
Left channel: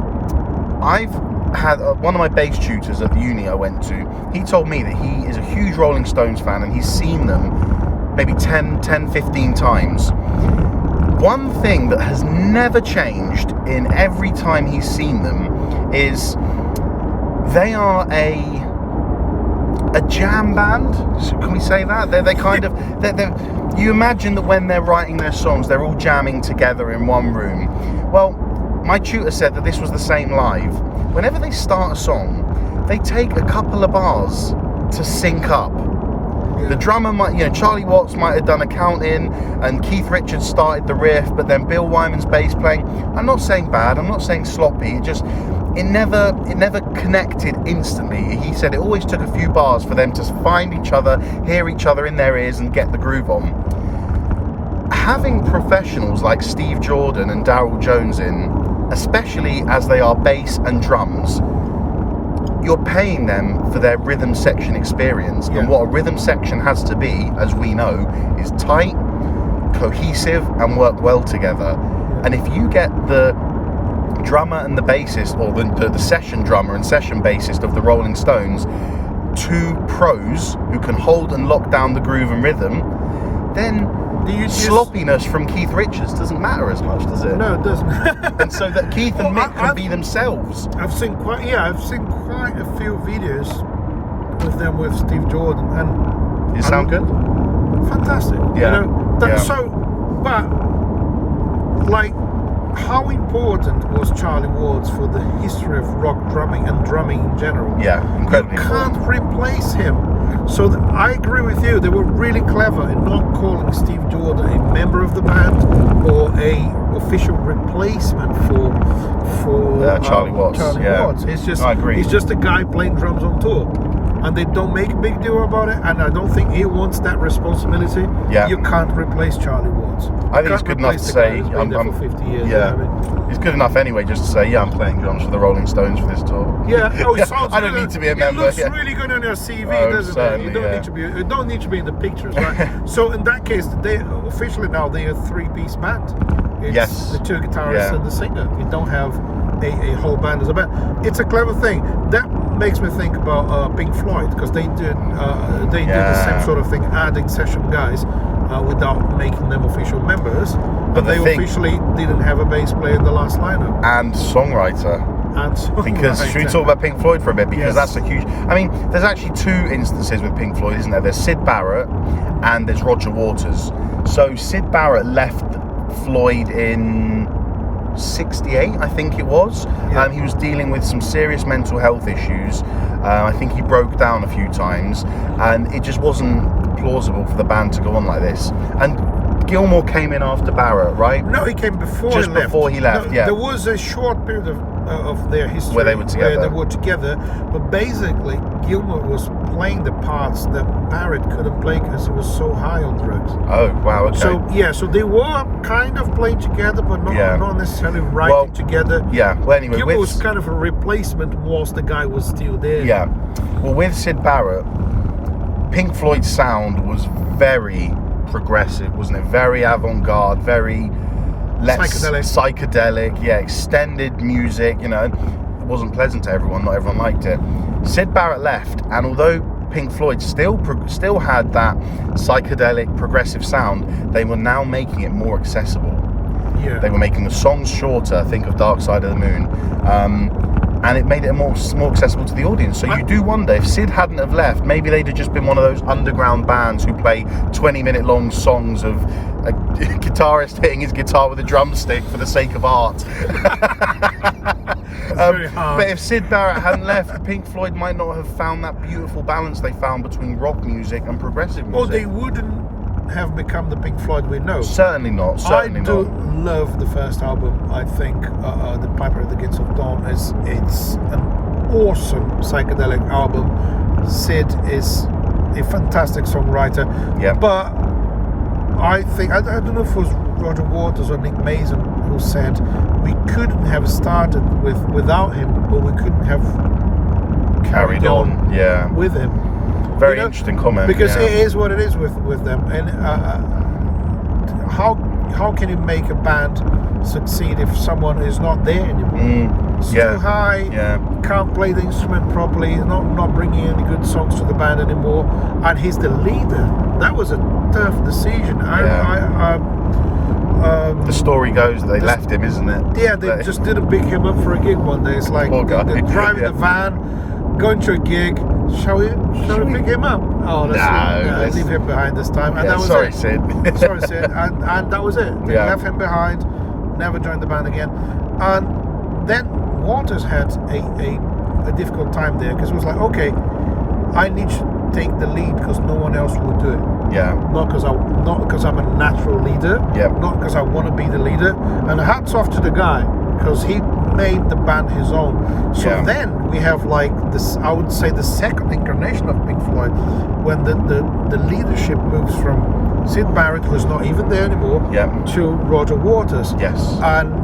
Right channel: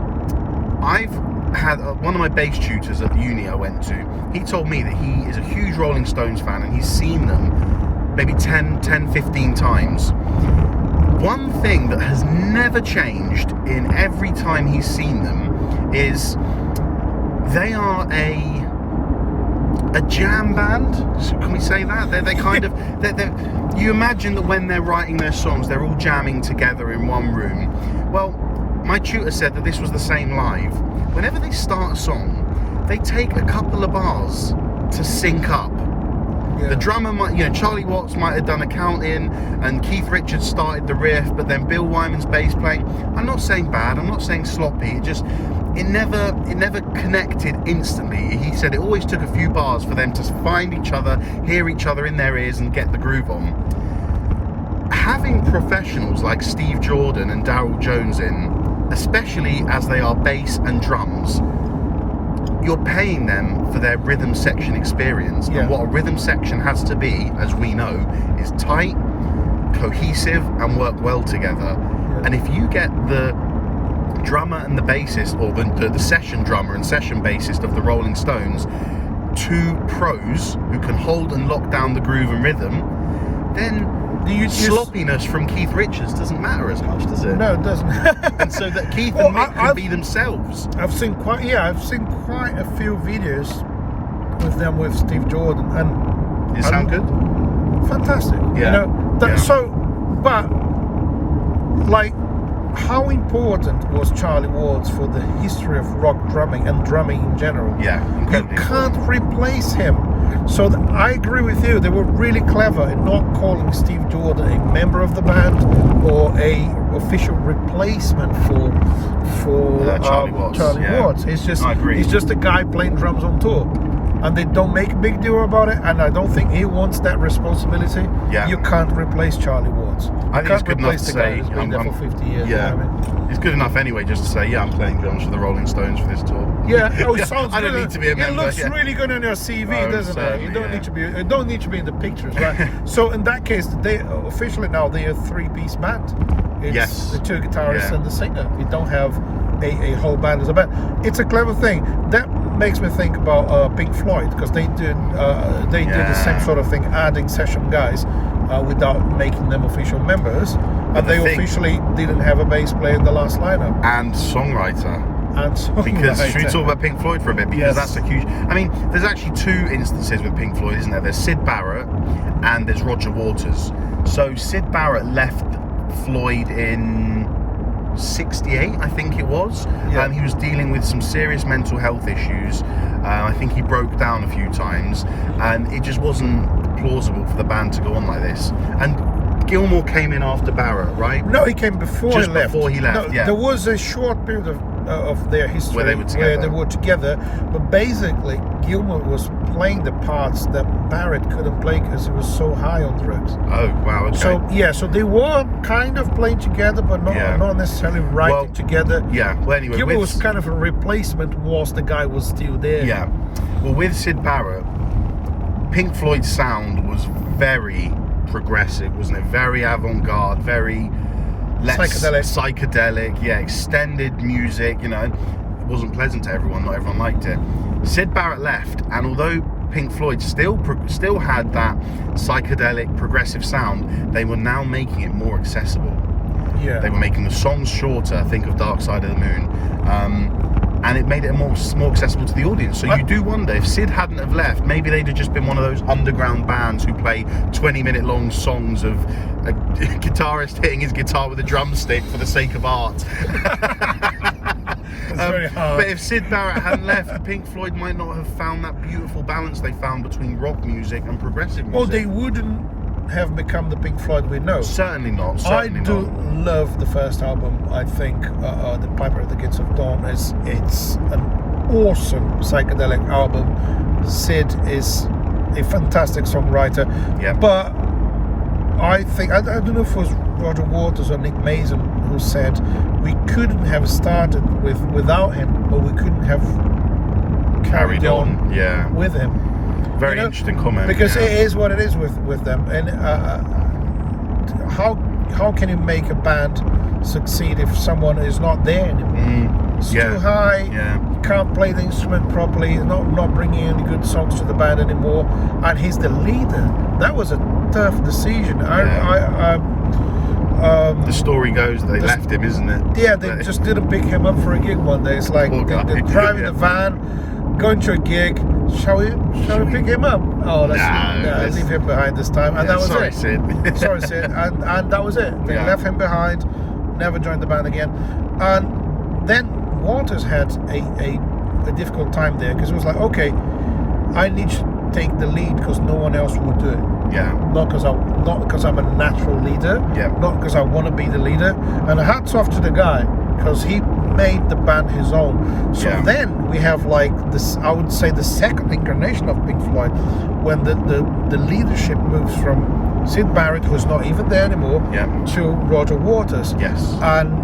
I've had one of my bass tutors at the uni I went to. He told me that he is a huge Rolling Stones fan and he's seen them maybe 10, 15 times. One thing that has never changed in every time he's seen them is they are a jam band. Can we say that? They're kind of you imagine that when they're writing their songs, they're all jamming together in one room. Well, my tutor said that this was the same live. Whenever they start a song, they take a couple of bars to sync up. Yeah. The drummer might, Charlie Watts might have done a count in, and Keith Richards started the riff, but then Bill Wyman's bass playing. I'm not saying bad, I'm not saying sloppy, it never connected instantly. He said it always took a few bars for them to find each other, hear each other in their ears and get the groove on. Having professionals like Steve Jordan and Darryl Jones in, especially as they are bass and drums, you're paying them for their rhythm section experience. And what a rhythm section has to be, as we know, is tight, cohesive and work well together. And if you get the drummer and the bassist, or the session drummer and session bassist of the Rolling Stones, two pros who can hold and lock down the groove and rhythm, then sloppiness from Keith Richards doesn't matter as much, does it? No, it doesn't. And so that Keith and Mick can be themselves. I've seen quite a few videos with them with Steve Jordan, and you sound good. Fantastic. Yeah. So, but like how important was Charlie Watts for the history of rock drumming and drumming in general? Yeah, incredibly. You can't replace him. So I agree with you. They were really clever in not calling Steve Jordan a member of the band or a official replacement for Charlie Watts. Watts. He's just a guy playing drums on tour. And they don't make a big deal about it, and I don't think he wants that responsibility. Yeah. You can't replace Charlie Watts. I think it's good enough to say I'm for 50 years. Yeah, you know what I mean? It's good enough anyway just to say, yeah, I'm playing drums for the Rolling Stones for this tour. Yeah, it sounds I don't good. need to be a member. It looks really good on your CV, doesn't it? You don't need to be in the pictures, right? So in that case, they officially now they're a three-piece band. It's the two guitarists and the singer. You don't have a whole band as a band. It's a clever thing. That makes me think about Pink Floyd, because they did the same sort of thing, adding session guys without making them official members. But they officially didn't have a bass player in the last lineup. And songwriter. Because should we talk about Pink Floyd for a bit? Because that's a huge. I mean, there's actually two instances with Pink Floyd, isn't there? There's Syd Barrett and there's Roger Waters. So Syd Barrett left Floyd in 68, I think it was. He was dealing with some serious mental health issues. I think he broke down a few times, and it just wasn't plausible for the band to go on like this. And Gilmour came in after Barrett, right? No, he came before he left. Just before he left, no, There was a short period of their history where they were together. But basically Gilmour was playing the parts that Barrett couldn't play because he was so high on drugs. Oh wow, okay. So they were kind of playing together, but not necessarily writing together. Yeah, well anyway, Gilmour was kind of a replacement whilst the guy was still there. Yeah, well with Syd Barrett, Pink Floyd's sound was very progressive, wasn't it? Very avant-garde, very psychedelic, extended music, it wasn't pleasant to everyone, not everyone liked it. Syd Barrett left, and although Pink Floyd still had that psychedelic progressive sound, they were now making it more accessible. Yeah. They were making the songs shorter, think of Dark Side of the Moon, and it made it more accessible to the audience. So you do wonder, if Syd hadn't have left, maybe they'd have just been one of those underground bands who play 20-minute long songs of a guitarist hitting his guitar with a drumstick for the sake of art. Very hard. But if Syd Barrett hadn't left, Pink Floyd might not have found that beautiful balance they found between rock music and progressive music. Well, they wouldn't have become the Pink Floyd we know. Certainly not. I do love the first album. I think The Piper at the Gates of Dawn it's an awesome psychedelic album. Syd is a fantastic songwriter. Yeah. But I think I don't know if it was Roger Waters or Nick Mason who said we couldn't have started without him, but we couldn't have carried on with him. Very interesting comment. Because it is what it is with them. And how can you make a band succeed if someone is not there anymore? It's too high. Can't play the instrument properly. Not bringing any good songs to the band anymore. And he's the leader. That was a tough decision. The story goes they left him, isn't it? Yeah, they just didn't pick him up for a gig one day. It's like they're driving the van, going to a gig. Shall we pick him up? Oh, let's leave him behind this time. And that was it. Sid. Sorry, Sid. And that was it. They left him behind, never joined the band again. And then Waters had a difficult time there, because it was like, okay, I need to take the lead because no one else will do it. Yeah. Not because I'm a natural leader. Yeah. Not because I want to be the leader. And hats off to the guy, because he made the band his own. So then we have like this, I would say, the second incarnation of Pink Floyd, when the leadership moves from Syd Barrett, who's not even there anymore, to Roger Waters. Yes. And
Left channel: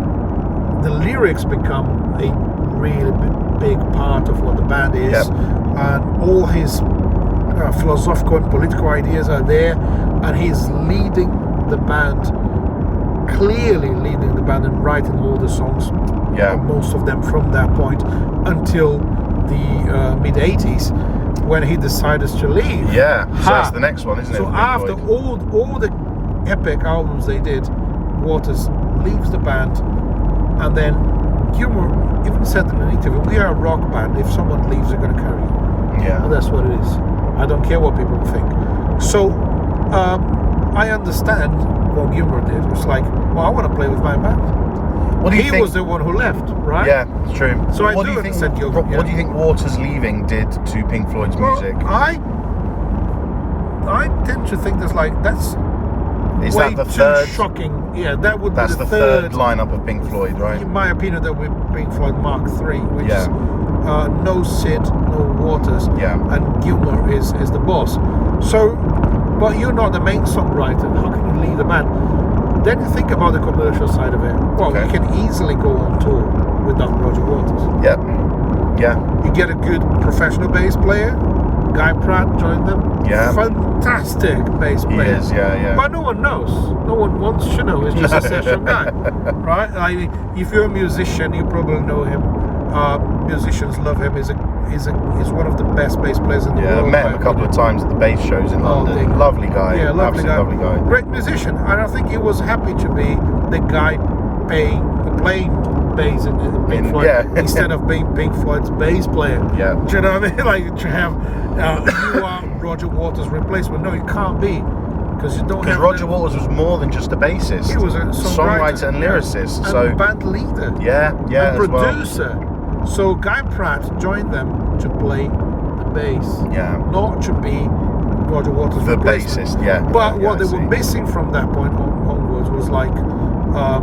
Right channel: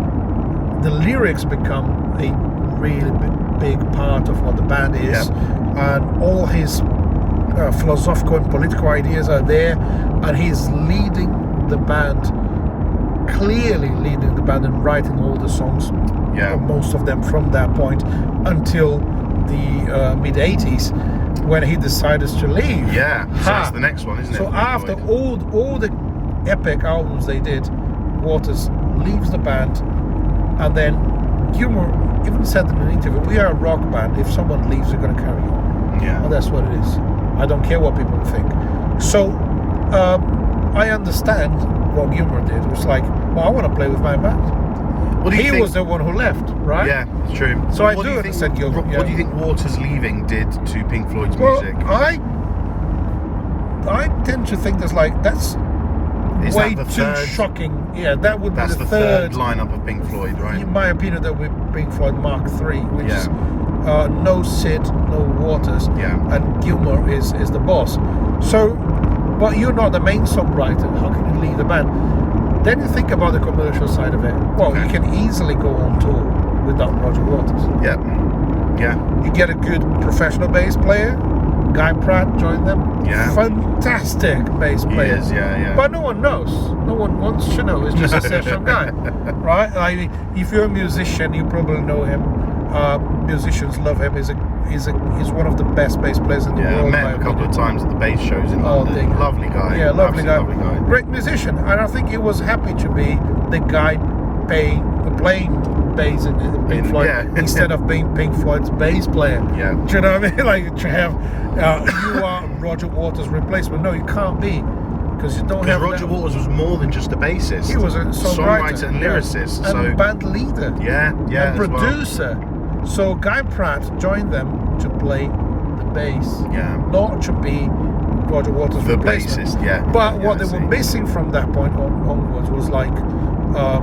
the lyrics become a really big part of what the band is. And all his philosophical and political ideas are there, and he's leading the band, clearly leading the band and writing all the songs, most of them from that point until the mid-80s, when he decided to leave. So that's the next one, isn't it? So after all the epic albums they did, Waters leaves the band, and then Gilmour even said in an interview, we are a rock band, if someone leaves we're going to carry on. And that's what it is. I don't care what people think. So I understand what Gilmour did. It's like, well, I want to play with my band. What do you he think? was the one who left, right? Yeah, it's true. So I what do you think? understand Gilmour, What do you think Waters leaving did to Pink Floyd's music? I tend to think that's Is way that the too third? shocking. Yeah, that would That's be the third lineup of Pink Floyd, right? in my opinion, that would be Pink Floyd Mark III, which Yeah. is no Sid, no Waters, Yeah. and Gilmour is the boss. So, but you're not the main songwriter. How can you lead the band? Then you think about the commercial side of it. Well, Okay. you can easily go on tour without Roger Waters. Yep. Yeah. You get a good professional bass player. Guy Pratt joined them. Yeah. Fantastic bass He player. is, yeah. But no one knows. No one wants to know. It's just a session guy, right? I mean, if you're a musician, you probably know him. Musicians love him. He's one of the best bass players in the Yeah, I world. met him a couple of times at the bass shows in London. dig it. Lovely guy. Yeah, lovely guy. Absolutely lovely guy. Great musician. And I think he was happy to be the guy playing bass in Pink Floyd Yeah. instead of being Pink Floyd's bass player. Yeah. Do you know what I mean? Like to have you are Roger Waters' replacement. No, you can't be, because you don't Because have. Roger that. Waters was more than just a bassist. He was a songwriter and lyricist. and So band leader. yeah, and as well. producer. So Guy Pratt joined them to play the bass, Yeah. not to be Roger Waters' The replacement. bassist, yeah. But Yeah, what I they were see. missing from that point onwards was like a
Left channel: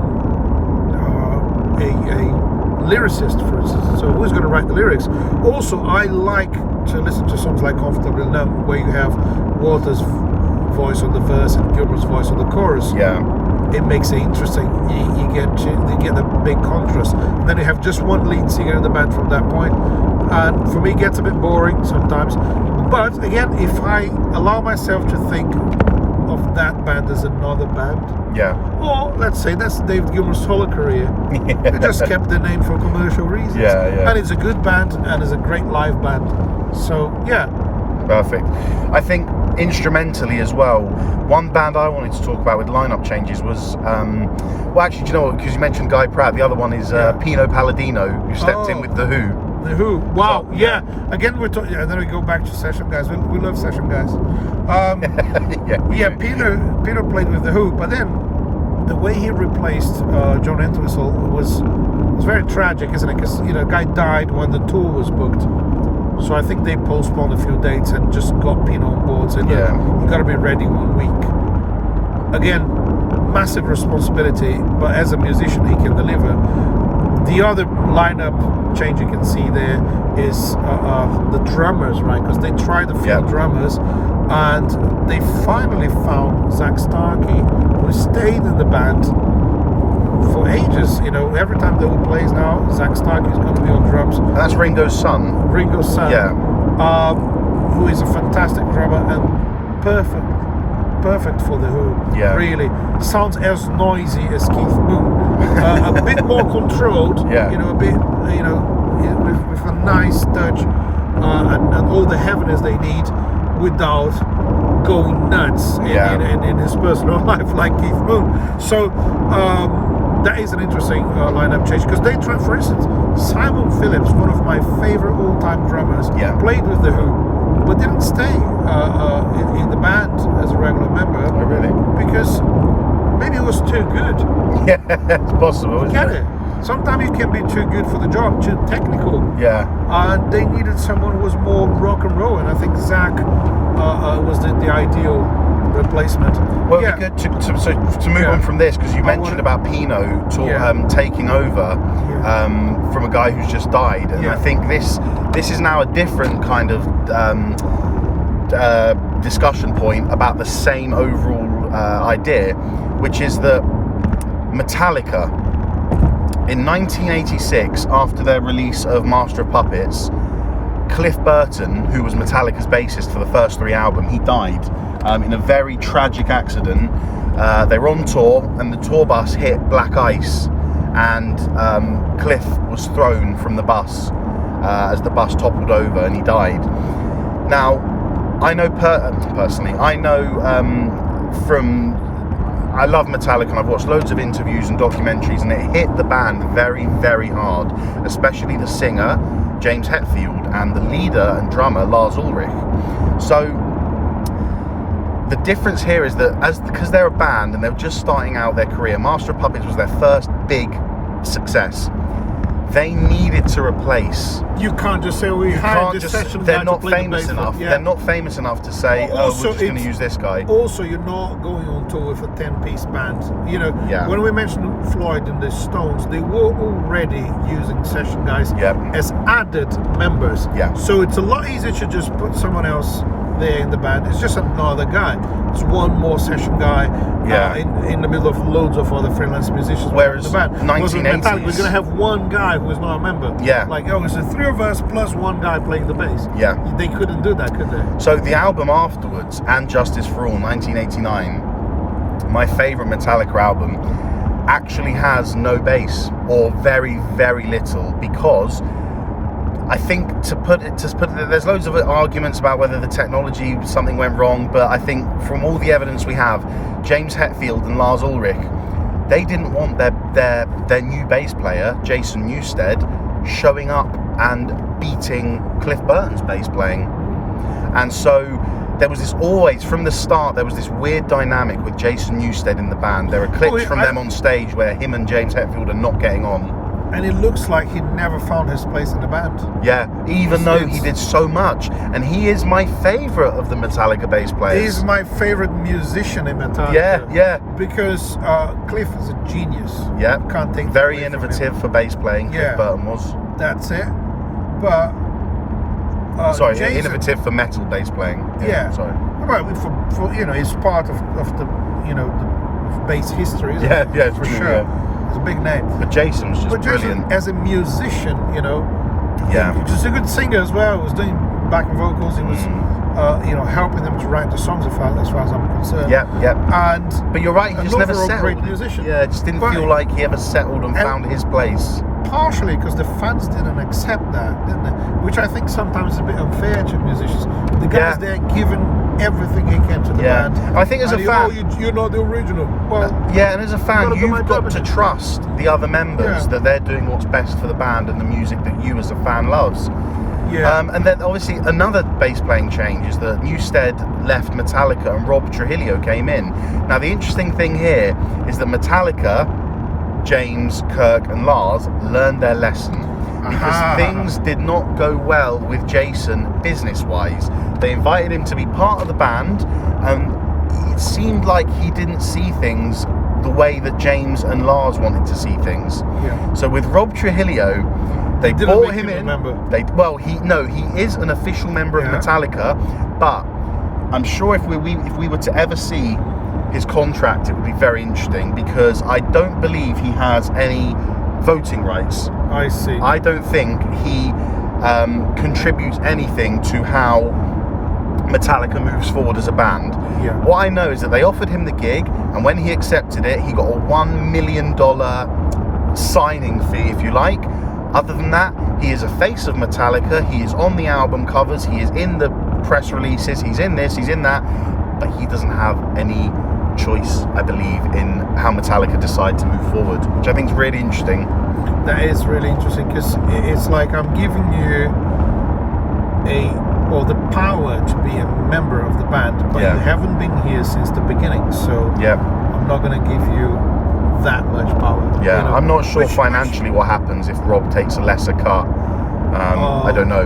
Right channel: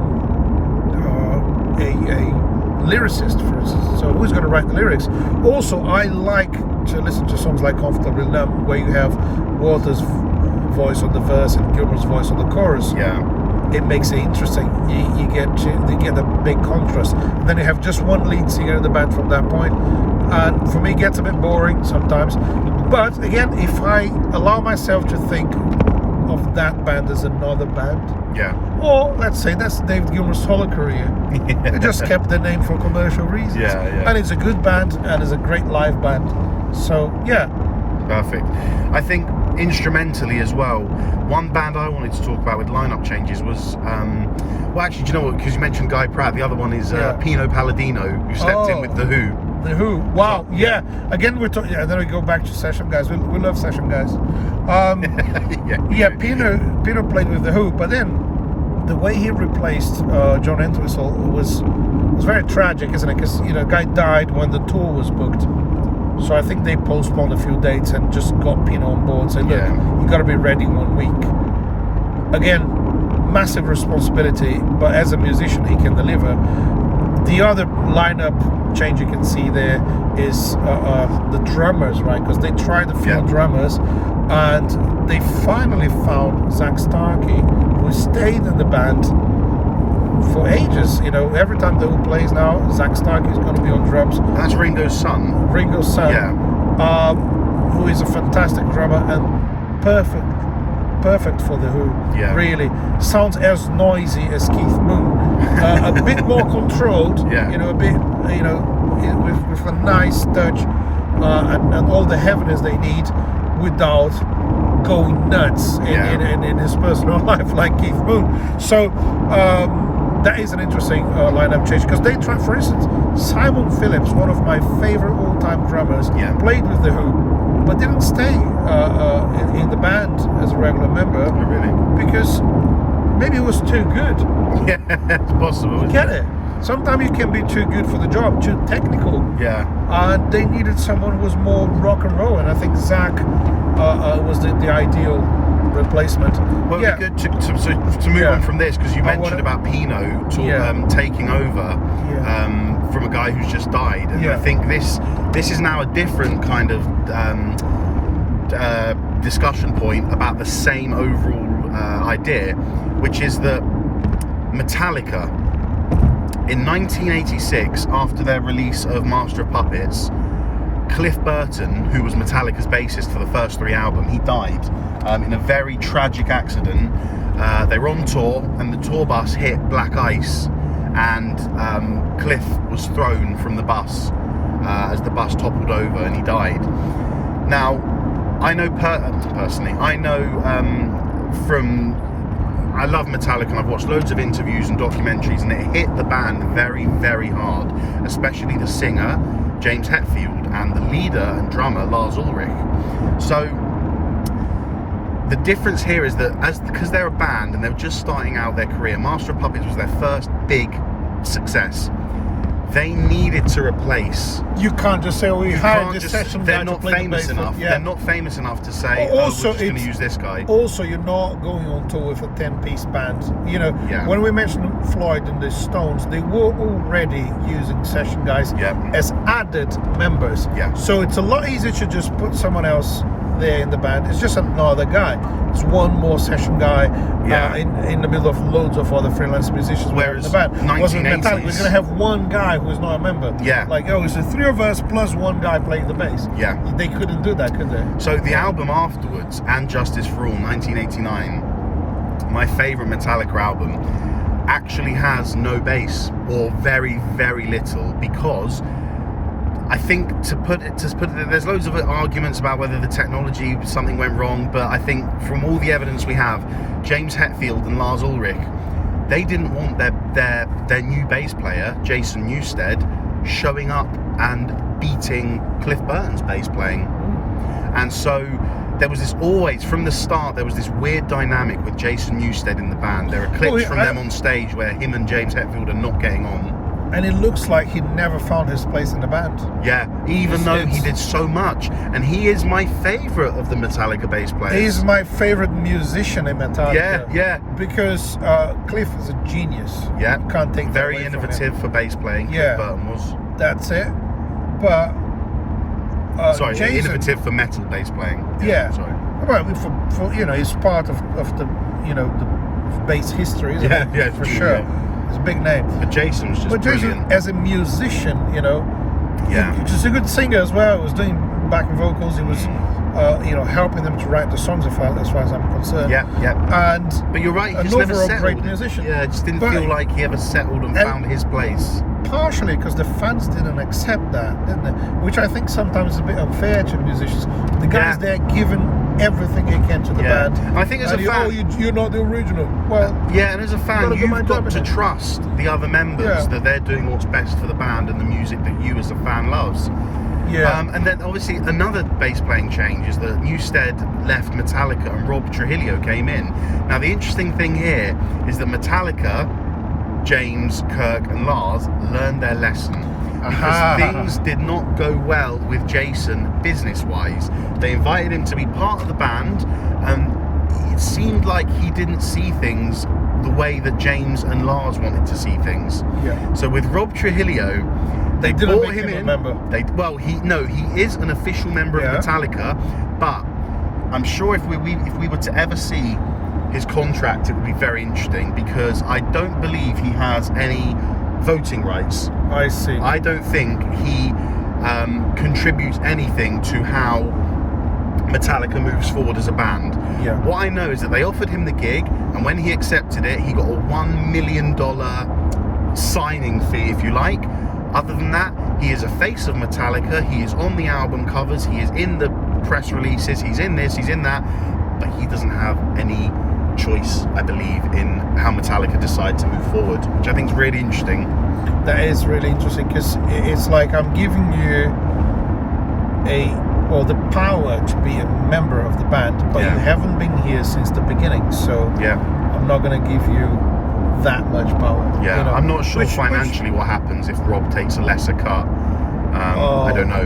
lyricist, for instance. So who's going to write the lyrics? Also, I like to listen to songs like Comfortably Numb, where you have Waters' voice on the verse and Gilmour's voice on the chorus. Yeah. It makes it interesting. You get a big contrast. And then you have just one lead singer in the band from that point, and for me, it gets a bit boring sometimes. But again, if I allow myself to think of that band as another band, Yeah. or let's say that's David Gilmour's solo career, they just kept the name for commercial reasons. Yeah. And it's a good band, and it's a great live band. So yeah. Perfect. I think instrumentally as well, one band I wanted to talk about with lineup changes was, well, actually, do you know what? Because you mentioned Guy Pratt, the other one is Pino Palladino, who stepped in with The Who. The Who. Wow. Yeah. Again, we're talking. Yeah. Then we go back to session guys. We love session guys. Pino played with The Who, but then the way he replaced John Entwistle was very tragic, isn't it? Because the guy died when the tour was booked. So I think they postponed a few dates and just got Pino on board, saying, "Look, you got to be ready 1 week." Again, massive responsibility, but as a musician, he can deliver. The other lineup change you can see there is the drummers, right? Because they tried a few drummers, and they finally found Zach Starkey, who stayed in the band for ages. Every time The Who plays now, Zach Starkey is going to be on drums. And that's Ringo's son. Ringo's son, who is a fantastic drummer and perfect for The Who. Yeah. Really sounds as noisy as Keith Moon, a bit more controlled. Yeah. A bit, with a nice touch and all the heaviness they need without going nuts in his personal life like Keith Moon. So that is an interesting lineup change, because they tried, for instance, Simon Phillips, one of my favorite all-time drummers, played with The Who, but didn't stay in the band as a regular member. Oh, really? Because maybe it was too good. Yeah, it's possible. Get it? Sometimes you can be too good for the job, too technical. Yeah. And they needed someone who was more rock and roll, and I think Zach was the ideal replacement. Well, it'd be good to move on from this, because you mentioned about Pino taking over from a guy who's just died, and I think this is now a different kind of discussion point about the same overall idea, which is that Metallica in 1986, after their release of Master of Puppets, Cliff Burton, who was Metallica's bassist for the first 3 albums, he died in a very tragic accident. They were on tour, and the tour bus hit black ice, and Cliff was thrown from the bus as the bus toppled over, and he died. Now, I know personally, I love Metallica, and I've watched loads of interviews and documentaries, and it hit the band very, very hard, especially the singer, James Hetfield, and the leader and drummer, Lars Ulrich. So the difference here is that because they're a band and they're just starting out their career, Master of Puppets was their first big success. They needed to replace. You can't just say, "We hired this session guy They're to not play the famous bass." enough. Yeah. They're not famous enough to say, Also, "Oh, we're just going to use this guy." Also, you're not going on tour with a 10-piece band. You know, Yeah. when we mentioned Floyd and the Stones, they were already using session guys as added members. Yeah. So it's a lot easier to just put someone else there in the band. It's just another guy. It's one more session guy in the middle of loads of other freelance musicians. Whereas in the band. 1980s, Metallica, we're gonna have one guy who is not a member. Yeah. Like, oh, it's the three of us plus one guy playing the bass. Yeah. They couldn't do that, could they? So the album afterwards, And Justice for All, 1989, my favourite Metallica album, actually has no bass, or very, very little, because I think to put it, there's loads of arguments about whether the technology, something went wrong, but I think from all the evidence we have, James Hetfield and Lars Ulrich, they didn't want their new bass player, Jason Newsted, showing up and beating Cliff Burton's bass playing. And so there was this, always from the start, there was this weird dynamic with Jason Newsted in the band. There are clips from them on stage where him and James Hetfield are not getting on. And it looks like he never found his place in the band. Yeah, even though he did so much. And he is my favourite of the Metallica bass players. He's my favourite musician in Metallica. Yeah. Because Cliff is a genius. Yeah. Can't take very innovative for bass playing. Yeah. Cliff Burton was. That's it. But sorry, Jason, innovative for metal bass playing. Yeah. Sorry. Well, for it's part of the the bass history. Isn't it? Yeah, for true, sure. yeah. It's a big name. But Jason's just But Jason, brilliant. as a musician, Yeah. he's a good singer as well. He was doing backing vocals. He was, helping them to write the songs as far as I'm concerned. Yeah. And But you're right, he just never overall settled. great musician. Yeah, it just didn't feel like he ever settled and found his place. Partially because the fans didn't accept that, didn't they? Which I think sometimes is a bit unfair to musicians. The guys there giving everything he can to the band. I think as a fan, you're not the original. Well, and as a fan, you've got to trust the other members that they're doing what's best for the band and the music that you as a fan loves. Yeah. And then obviously another bass playing change is that Newsted left Metallica and Rob Trujillo came in. Now the interesting thing here is that Metallica, James, Kirk and Lars learned their lesson because things did not go well with Jason business-wise. They invited him to be part of the band and it seemed like he didn't see things the way that James and Lars wanted to see things. Yeah. So with Rob Trujillo, they brought him in. He is an official member of Metallica, but I'm sure if we were to ever see his contract, it would be very interesting because I don't believe he has any voting rights. I see. I don't think he contributes anything to how Metallica moves forward as a band. Yeah. What I know is that they offered him the gig, and when he accepted it, he got a $1 million signing fee, if you like. Other than that, he is a face of Metallica. He is on the album covers. He is in the press releases. He's in this, he's in that. But he doesn't have any choice, I believe, in how Metallica decide to move forward, which I think is really interesting. That is really interesting because it's like I'm giving you the power to be a member of the band, but you haven't been here since the beginning, so I'm not going to give you that much power. Yeah, I'm not sure financially what happens if Rob takes a lesser cut. I don't know.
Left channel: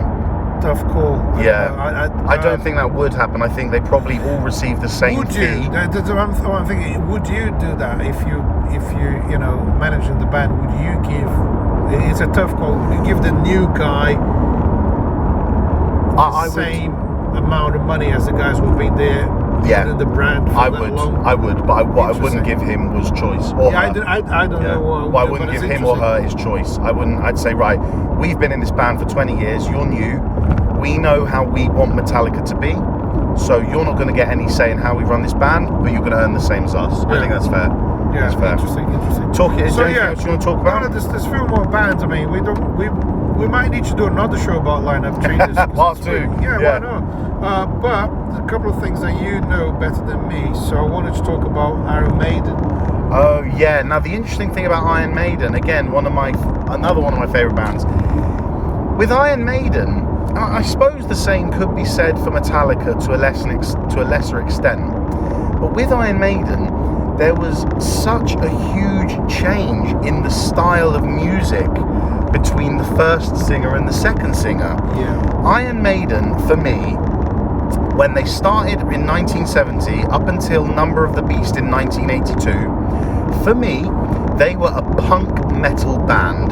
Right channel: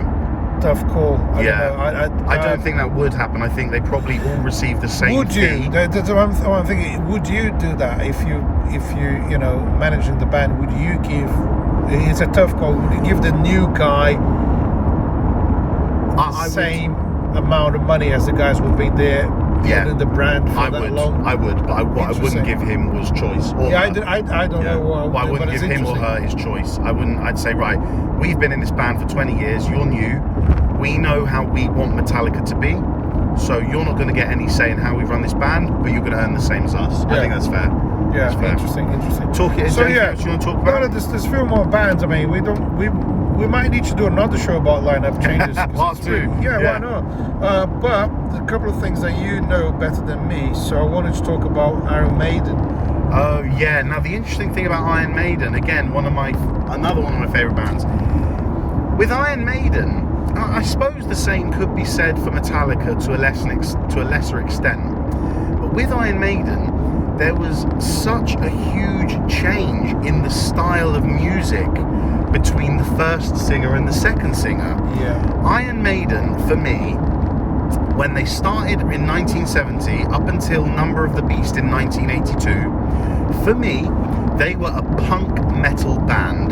Tough call. I don't think that would happen. I think they probably all receive the same would fee. You? That's what I'm thinking. Would you do that if you managing the band? Would you give? It's a tough call. Would you give the new guy the same amount of money as the guys who've been there? In the brand for that long? I would, but what I wouldn't give him was choice. Or her. I don't know what I wouldn't give him or her his choice. I'd say, right, we've been in this band for 20 years, you're new, we know how we want Metallica to be, so you're not going to get any say in how we run this band, but you're going to earn the same as us. I think that's fair. Yeah, that's fair. Interesting. Is there anything else you want to talk about? No, there's few more bands. I mean, we might need to do another show about lineup changes. Part 2. Yeah, why not? But there's a couple of things that you know better than me, so I wanted to talk about Iron Maiden. Oh yeah. Now the interesting thing about Iron Maiden, again, another one of my favourite bands. With Iron Maiden, I suppose the same could be said for Metallica to a lesser extent. But with Iron Maiden, there was such a huge change in the style of music between the first singer and the second singer. Yeah. Iron Maiden, for me, when they started in 1970 up until Number of the Beast in 1982, for me, they were a punk metal band,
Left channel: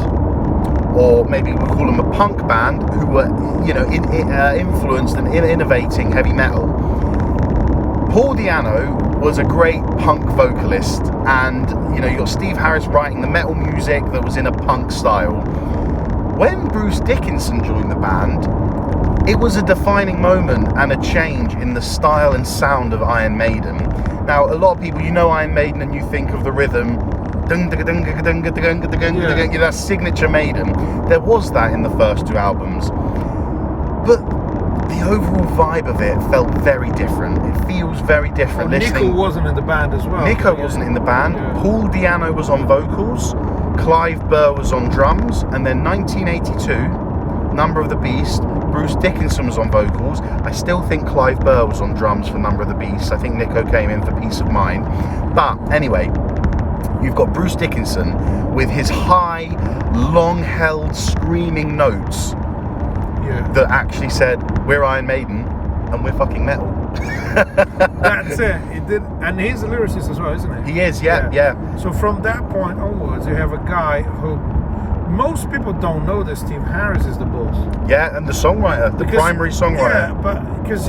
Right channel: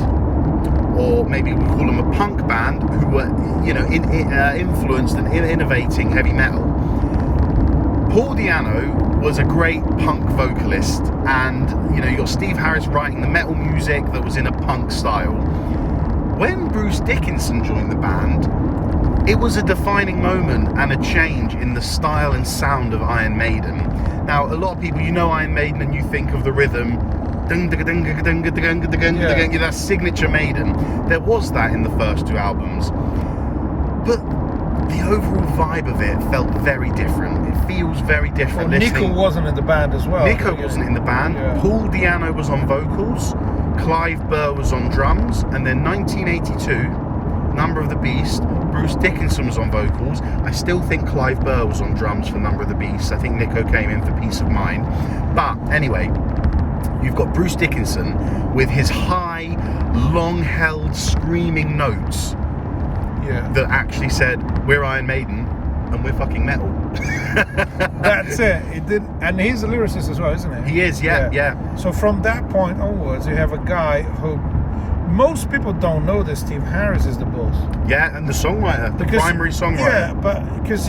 or maybe we call them a punk band, who were, influenced and innovating heavy metal. Paul Di'Anno was a great punk vocalist, and you got Steve Harris writing the metal music that was in a punk style. When Bruce Dickinson joined the band, it was a defining moment and a change in the style and sound of Iron Maiden. Now, a lot of people, Iron Maiden and you think of the rhythm, that signature Maiden. There was that in the first two albums, but the overall vibe of it felt very different. It feels very different. Well, Nico wasn't in the band as well. Nico wasn't in the band. Yeah. Paul Di'Anno was on vocals. Clive Burr was on drums. And then 1982, Number of the Beast, Bruce Dickinson was on vocals. I still think Clive Burr was on drums for Number of the Beast. I think Nico came in for Peace of Mind. But anyway, you've got Bruce Dickinson with his high, long-held, screaming notes that actually said, we're Iron Maiden and we're fucking metal. That's it. And he's a lyricist as well, isn't he? He is, yeah. So from that point onwards, you have a guy who most people don't know that Steve Harris is the boss. Yeah, and the songwriter, the primary songwriter. Yeah, but because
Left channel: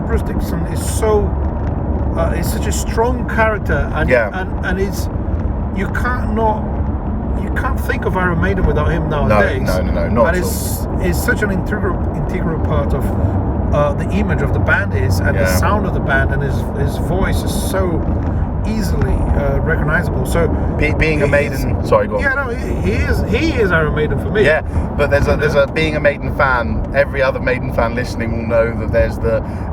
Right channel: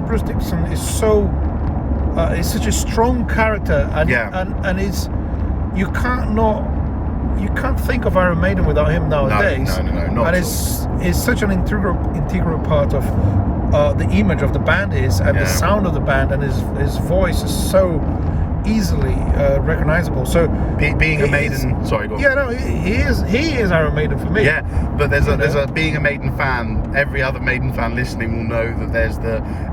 Bruce Dickinson is so is such a strong character, and it's you can't think of Iron Maiden without him nowadays. No, not and at all. It's such an integral part of the image of the band and the sound of the band, and his voice is so easily recognizable. So being a Maiden, sorry, go on. Yeah, no, he is Iron Maiden for me. Yeah, but there's a being a Maiden fan. Every other Maiden fan listening will know that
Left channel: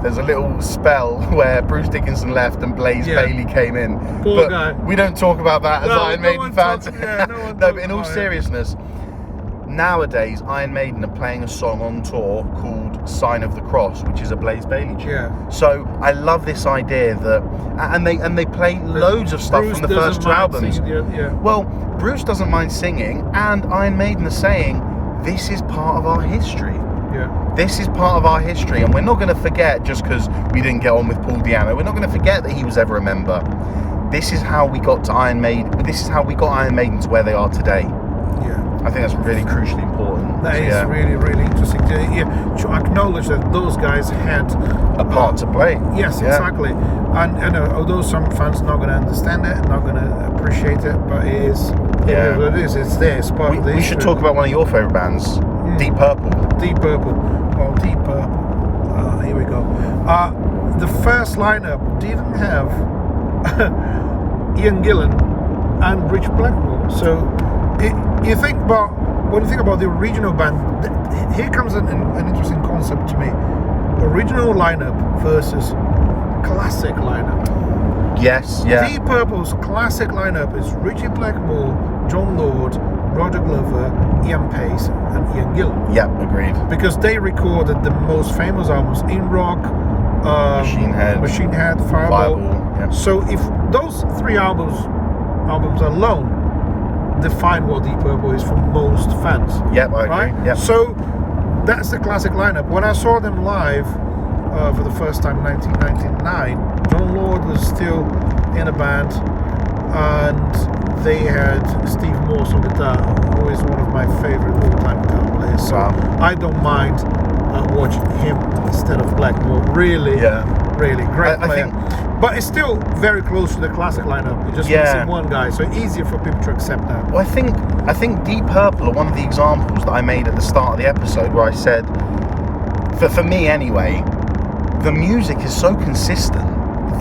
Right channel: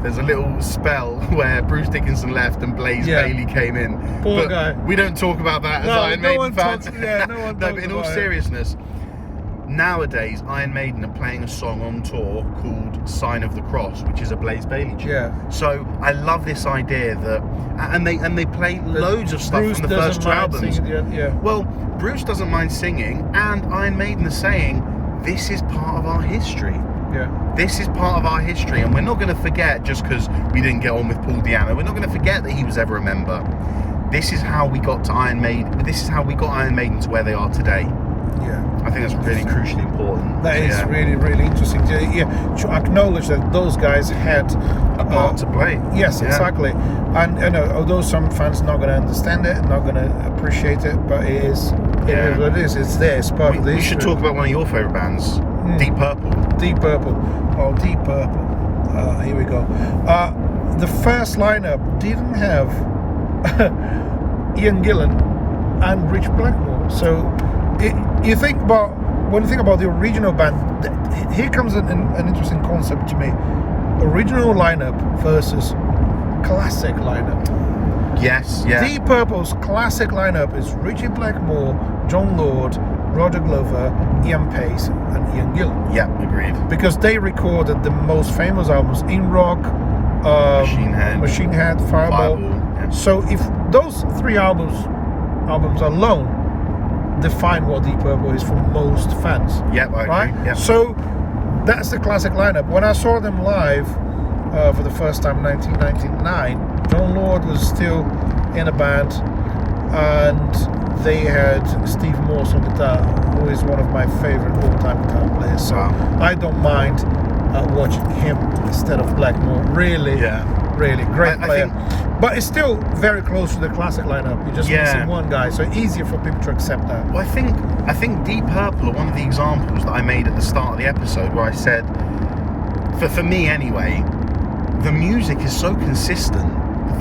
there's a little spell where Bruce Dickinson left and Blaze Bayley came in. Poor guy. We don't talk about that as Iron Maiden fans. No, but in all seriousness, nowadays Iron Maiden are playing a song on tour called Sign of the Cross, which is a Blaze Bayley tune. Yeah. So I love this idea that, and they play loads of stuff Bruce from the first two albums. Yeah. Well, Bruce doesn't mind singing, and Iron Maiden are saying this is part of our history. Yeah. This is part of our history, and we're not going to forget just because we didn't get on with Paul Di'Anno. We're not going to forget that he was ever a member. This is how we got to Iron Maiden. This is how we got Iron Maiden to where they are today. Yeah. I think that's really crucially important. That is really, really interesting to acknowledge that those guys had a part to play. Yes, exactly. And although some fans are not going to understand it, not going to appreciate it, but it is what it is. It's there. It's part of the history. We should talk about one of your favourite bands, Deep Purple. Deep Purple. Oh, Deep Purple. Here we go. The first lineup didn't have Ian Gillan and Rich Blackmore. So when you think about the original band, here comes an interesting concept to me. Original lineup versus classic lineup. Yes, yeah. Deep Purple's classic lineup is Richie Blackmore, John Lord, Roger Glover, Ian Pace, and Ian Gillan. Yeah, agreed. Because they recorded the most famous albums, In Rock, Machine Head, Fireball. Yeah. So if those three albums alone define what Deep Purple is for most fans. Yep, I agree. Yep. So that's the classic lineup. When I saw them live for the first time in 1999, John Lord was still in a band, and they had Steve Morse on guitar, who is one of my favorite all-time guitar players. So I don't mind watching him instead of Blackmore. Really great player. But it's still very close to the classic lineup. You're just missing one guy, so easier for people to accept that. Well, I think Deep Purple are one of the examples that I made at the start of the episode where I said, for me anyway, the music is so consistent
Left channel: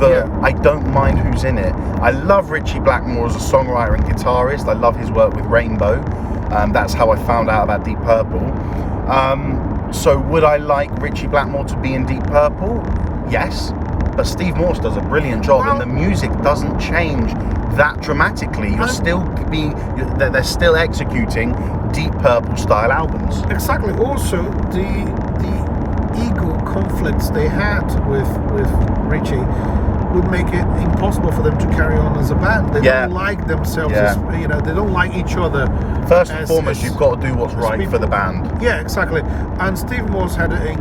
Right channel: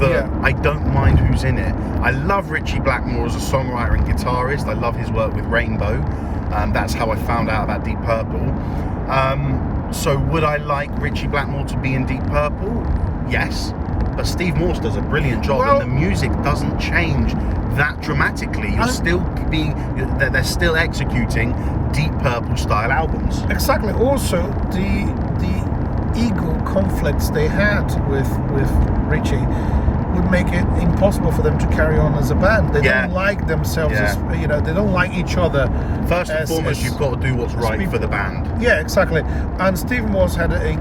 that I don't mind who's in it. I love Richie Blackmore as a songwriter and guitarist. I love his work with Rainbow. That's how I found out about Deep Purple. So would I like Richie Blackmore to be in Deep Purple? Yes. But Steve Morse does a brilliant job, and the music doesn't change that dramatically. They're still executing Deep Purple style albums. Exactly. Also, the ego conflicts they had with Richie would make it impossible for them to carry on as a band. They don't like themselves, as, they don't like each other. First and foremost, you've got to do what's right for the band. Yeah, exactly. And Steve Morse had a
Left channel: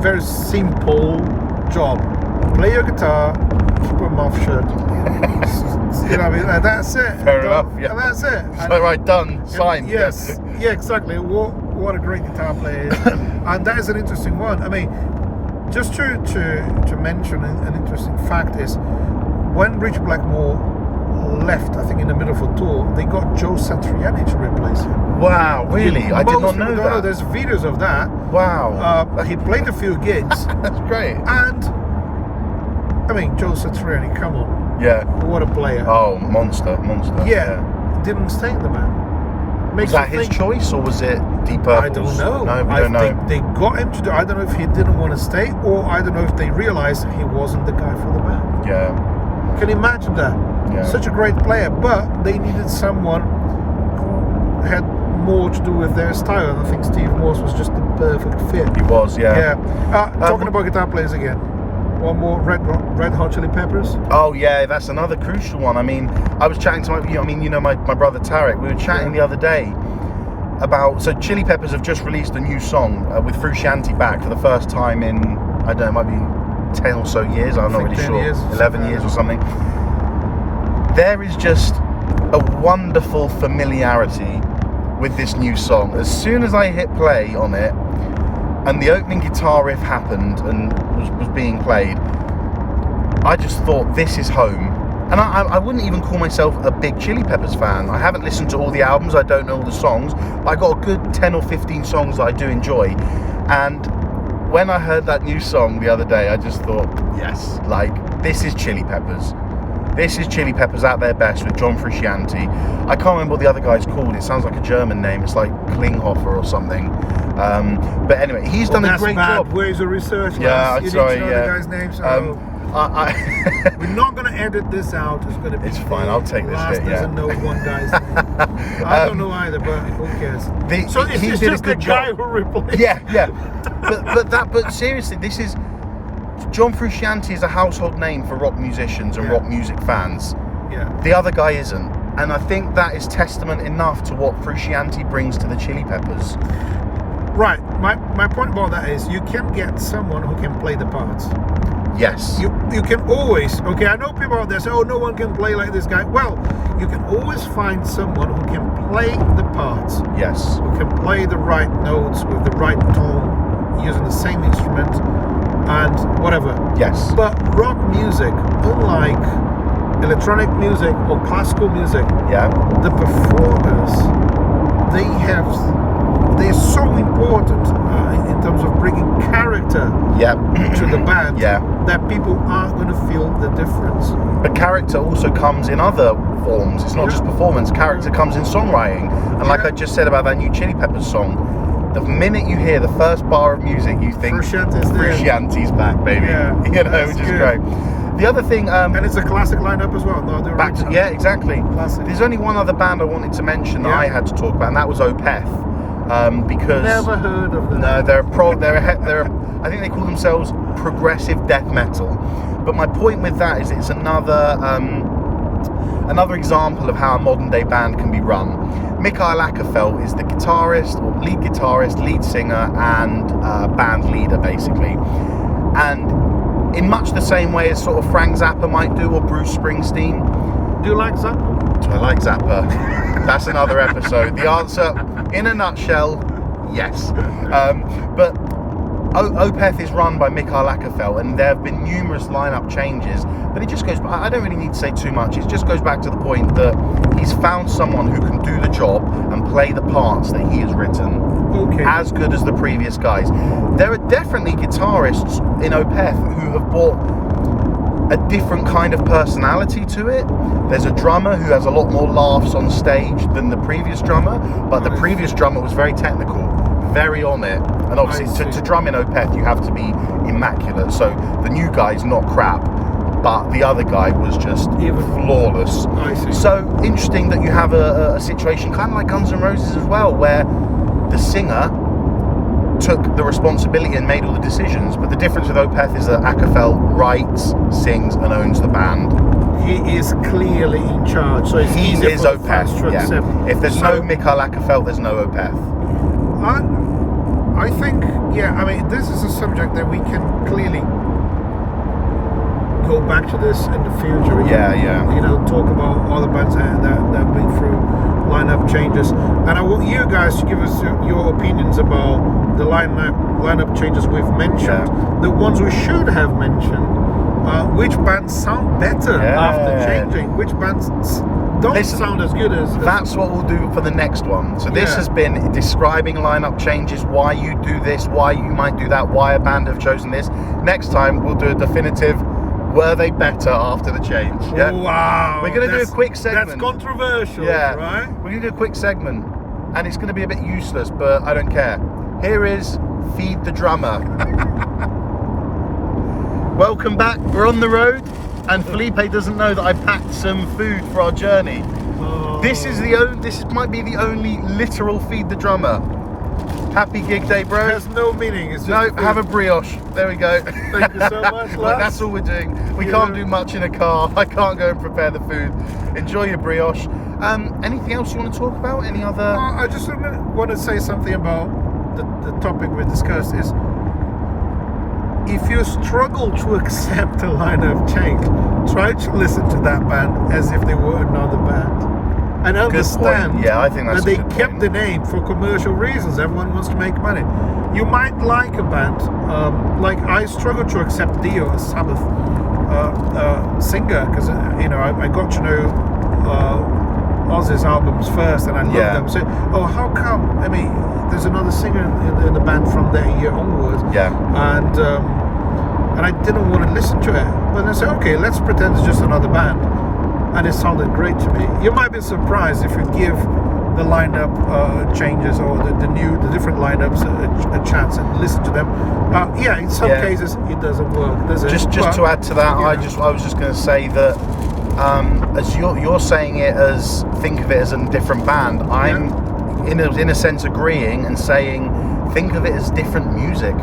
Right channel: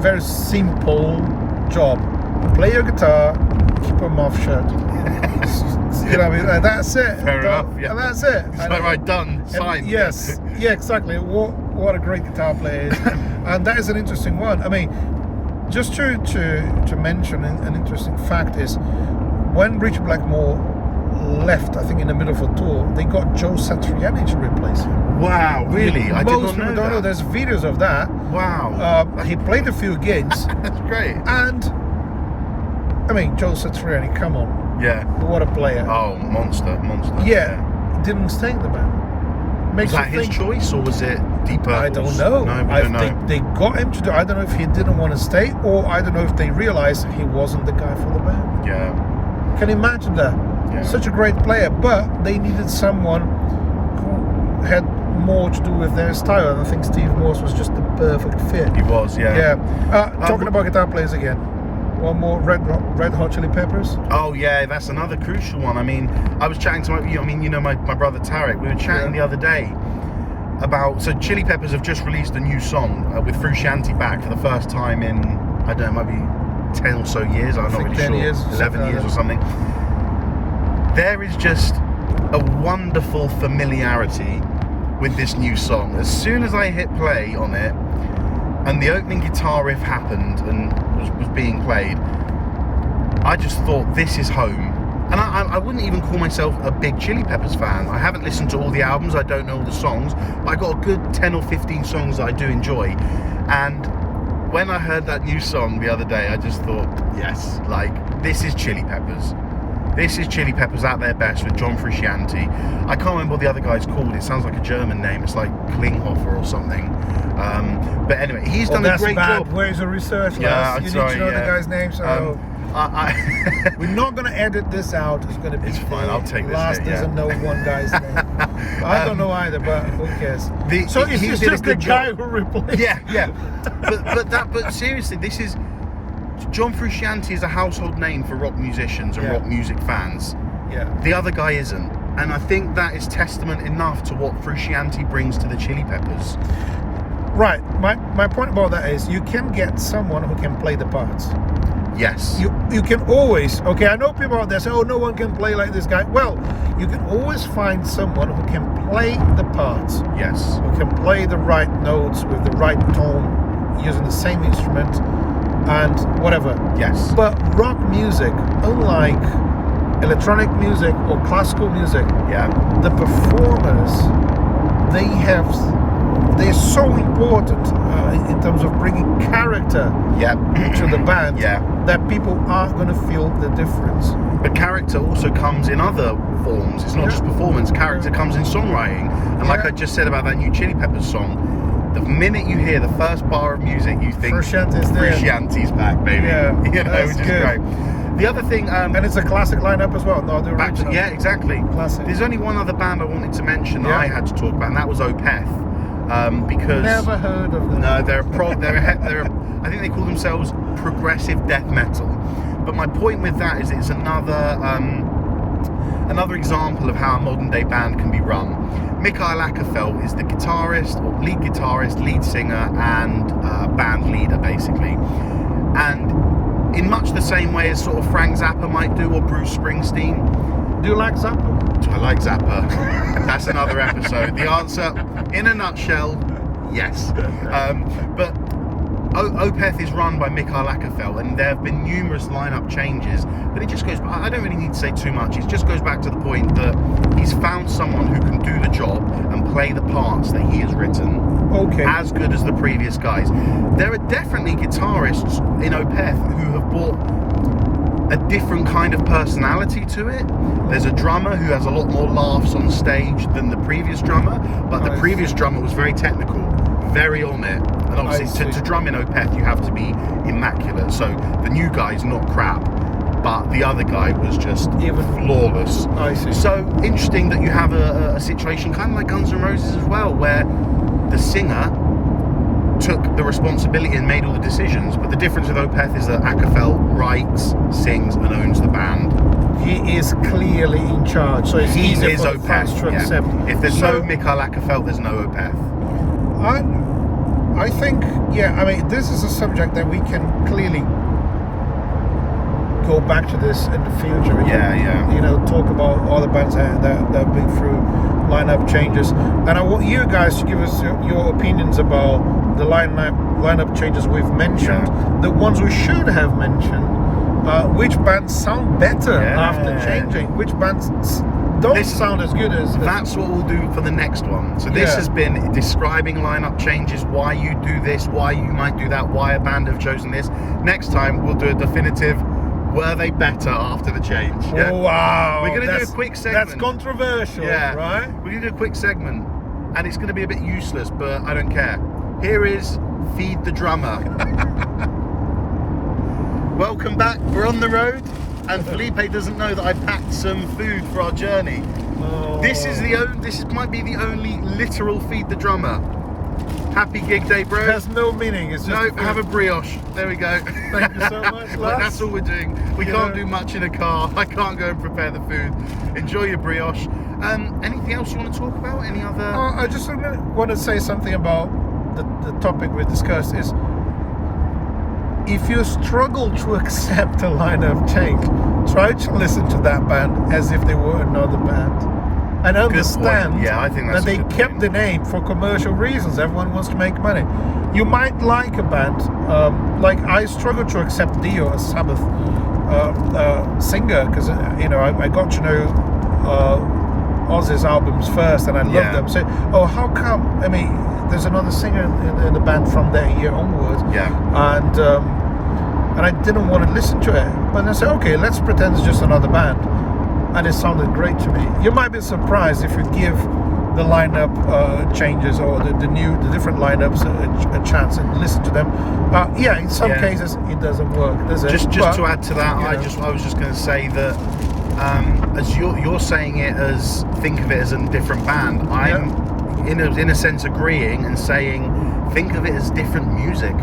very simple job. Play your guitar, keep a mouth shut. That's it. Fair enough. Yeah. That's it. So right, done, signed. Yes. Yeah, exactly. What a great guitar player is. And that is an interesting one. I mean, just to mention an interesting fact is, when Richard Blackmore left, I think in the middle of a tour, they got Joe Satriani to replace him. Wow, really? I did not know that. There's videos of that. Wow. He played a few gigs. That's great. And, I mean, Joe Satriani, come on. Yeah. What a player. Oh, monster. Yeah. Didn't stay in the band. Was that his choice, or was it Deep Purple's? I don't know. No, we don't know. They got him to do. I don't know if he didn't want to stay, or I don't know if they realized he wasn't the guy for the band. Yeah. Can you imagine that? Yeah. Such a great player, but they needed someone who had more to do with their style. And I think Steve Morse was just the perfect fit. He was, yeah. Talking about guitar players again. One more, Red Hot Chili Peppers. Oh yeah, that's another crucial one. I mean, I was chatting to my brother Tarek. We were chatting the other day about, so Chili Peppers have just released a new song with Frusciante back for the first time in, I don't know, it might be 10 or so years. I'm not really sure. 11 years or something. There is just a wonderful familiarity with this new song. As soon as I hit play on it, and the opening guitar riff happened and was being played, I just thought, this is home. And I wouldn't even call myself a big Chili Peppers fan. I haven't listened to all the albums, I don't know all the songs, but I got a good 10 or 15 songs that I do enjoy. And when I heard that new song the other day, I just thought, yes, like, this is Chili Peppers. This is Chili Peppers at their best with John Frusciante. I can't remember what the other guy's called. It sounds like a German name. It's like Klinghoffer or something. But anyway, he's done a great job. Where's the research? Yeah, you need to know the guy's name. So we're not going to edit this out. It's going to be. It's fine. I'll take this. Last doesn't know one guy's name. I don't know either, but who cares? So it's just the guy who replaced. Yeah. But seriously, this is. John Frusciante is a household name for rock musicians and rock music fans. Yeah. The other guy isn't. And I think that is testament enough to what Frusciante brings to the Chili Peppers. Right. My point about that is, you can get someone who can play the parts. Yes. You can always, okay, I know people out there say, oh, no one can play like this guy. Well, you can always find someone who can play the parts. Yes. Who can play the right notes with the right tone, using the same instrument and whatever. Yes. But rock music, unlike electronic music or classical music, the performers, they're so important in terms of bringing character to the band that people are going to feel the difference. But character also comes in other forms. It's not just performance. Character comes in songwriting. And like I just said about that new Chili Peppers song, the minute you hear the first bar of music, you think Frusciante's back, baby. Yeah, which is great. The other thing, and it's a classic lineup as well. No, exactly. Classic. There's only one other band I wanted to mention that I had to talk about, and that was Opeth. Because never heard of them. No, they're I think they call themselves progressive death metal. But my point with that is it's another example of how a modern day band can be run. Mikael Åkerfeldt is the lead guitarist, lead singer, and band leader, basically. And in much the same way as sort of Frank Zappa might do, or Bruce Springsteen. Do you like Zappa? Do I like Zappa? That's another episode. The answer, in a nutshell, yes. But Opeth is run by Mikael Åkerfeldt, and there have been numerous lineup changes. But it just goes, I don't really need to say too much. It just goes back to the point that he's found someone who can do the job and play the parts that he has written as good as the previous guys. There are definitely guitarists in Opeth who have brought a different kind of personality to it. There's a drummer who has a lot more laughs on stage than the previous drummer, but the previous drummer was very technical, very on it. And obviously to drum in Opeth you have to be immaculate. So the new guy's not crap, but the other guy was just even flawless. I see. So interesting that you have a situation kind of like Guns N' Roses as well, where the singer took the responsibility and made all the decisions, but But the difference with Opeth is that Akafel writes, sings, and owns the band. He is clearly in charge, so it's He easier is for the fans to Opeth. accept. Yeah. If there's no Mikael Akafel, there's no Opeth. I think, I mean, this is a subject that we can clearly go back to this in the future. We can, you know, talk about all the bands that went through lineup changes. And I want you guys to give us your opinions about the lineup changes we've mentioned, the ones we should have mentioned, which bands sound better after changing, which bands don't sound as good as... That's what we'll do for the next one. So this has been describing lineup changes, why you do this, why you might do that, why a band have chosen this. Next time we'll do a definitive, were they better after the change? Yeah? Oh, wow. We're going to do a quick segment. That's controversial, right? We're going to do a quick segment, and it's going to be a bit useless, but I don't care. Here is Feed the Drummer. Welcome back. We're on the road, and Felipe doesn't know that I packed some food for our journey. Oh. This might be the only literal Feed the Drummer. Happy gig day, bro. There's no meaning. It's just have a brioche. There we go. Thank you so much, lads. That's all we're doing. We can't do much in a car. I can't go and prepare the food. Enjoy your brioche. Anything else you want to talk about? Any other? I just want to say something about the topic we discussed. Is if you struggle to accept a lineup change, try to listen to that band as if they were another band. And understand I think that's that they kept the name for commercial reasons. Everyone wants to make money. You might like a band, like I struggle to accept Dio as Sabbath singer, because you know I got to know Ozzy's albums first, and I loved them. So, how come? I mean, there's another singer in the band from that year onwards. And I didn't want to listen to it, but I said, okay, let's pretend it's just another band. And it sounded great to me. You might be surprised if you give the lineup changes or the different lineups a chance and listen to them. In some cases it doesn't work, does it? Just to add to that, I was just going to say that as you're saying it as think of it as a different band. I'm in a sense agreeing and saying think of it as different music.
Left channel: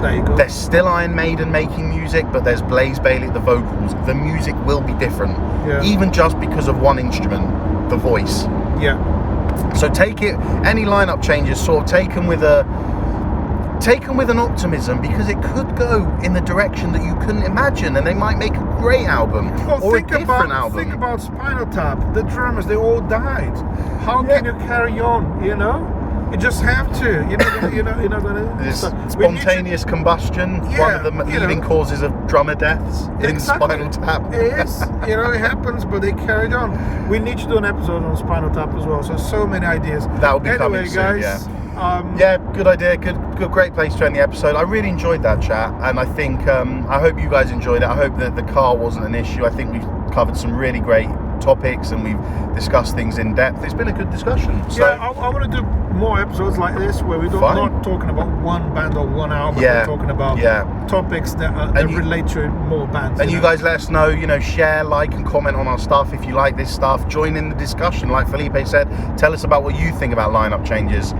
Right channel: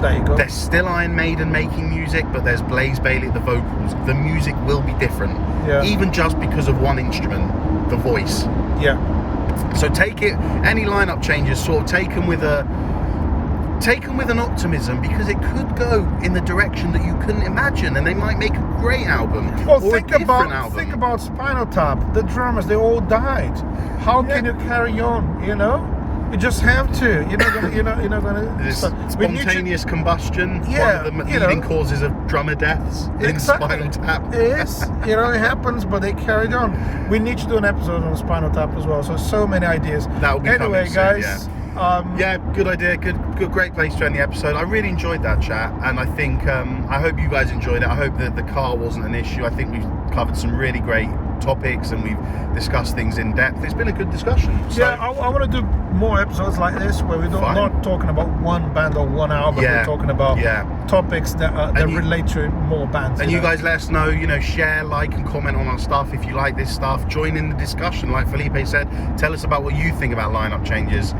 There you go. There's still Iron Maiden making music, but there's Blaze Bayley at the vocals. The music will be different, even just because of one instrument, the voice. So take it. Any lineup changes, sort of take them with an optimism, because it could go in the direction that you couldn't imagine, and they might make a great album or a different album. Think about Spinal Tap. The drummers, they all died. How can you carry on? You know. You just have to. You're not gonna. Spontaneous combustion, one of the leading causes of drummer deaths in Spinal Tap. Yes, it happens, but they carried on. We need to do an episode on Spinal Tap as well. So many ideas. That will be coming soon, guys. Good idea. Good, great place to end the episode. I really enjoyed that chat, and I think I hope you guys enjoyed it. I hope that the car wasn't an issue. I think we've covered some really great topics, and we've discussed things in depth. It's been a good discussion. So I want to do more episodes like this where we're not talking about one band or one album. We're talking about topics that relate to more bands. And you guys let us know, share, like and comment on our stuff if you like this stuff. Join in the discussion, like Felipe said. Tell us about what you think about lineup changes.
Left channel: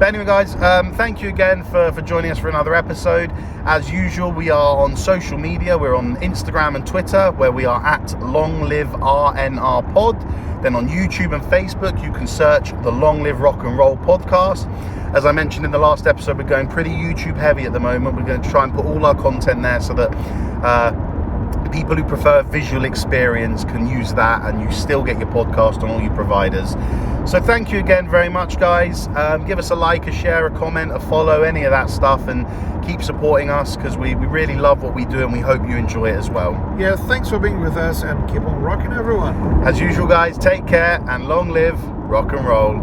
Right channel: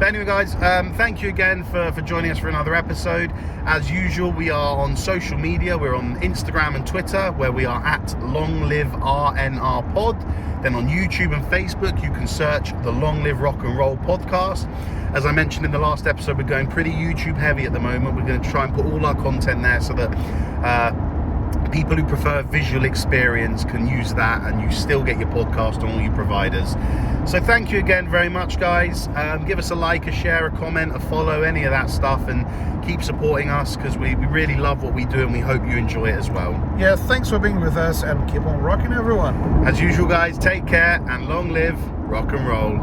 But anyway, guys, thank you again for joining us for another episode. As usual, we are on social media. We're on Instagram and Twitter, where we are at longliverocknrollpod. Then on YouTube and Facebook, you can search the Long Live Rock and Roll Podcast. As I mentioned in the last episode, we're going pretty YouTube heavy at the moment. We're going to try and put all our content there so that people who prefer visual experience can use that, and you still get your podcast on all your providers. So thank you again very much, guys. Give us a like, a share, a comment, a follow, any of that stuff, and keep supporting us, because we really love what we do, and we hope you enjoy it as well. Yeah, thanks for being with us, and keep on rocking, everyone. As usual, guys, take care, and long live rock and roll.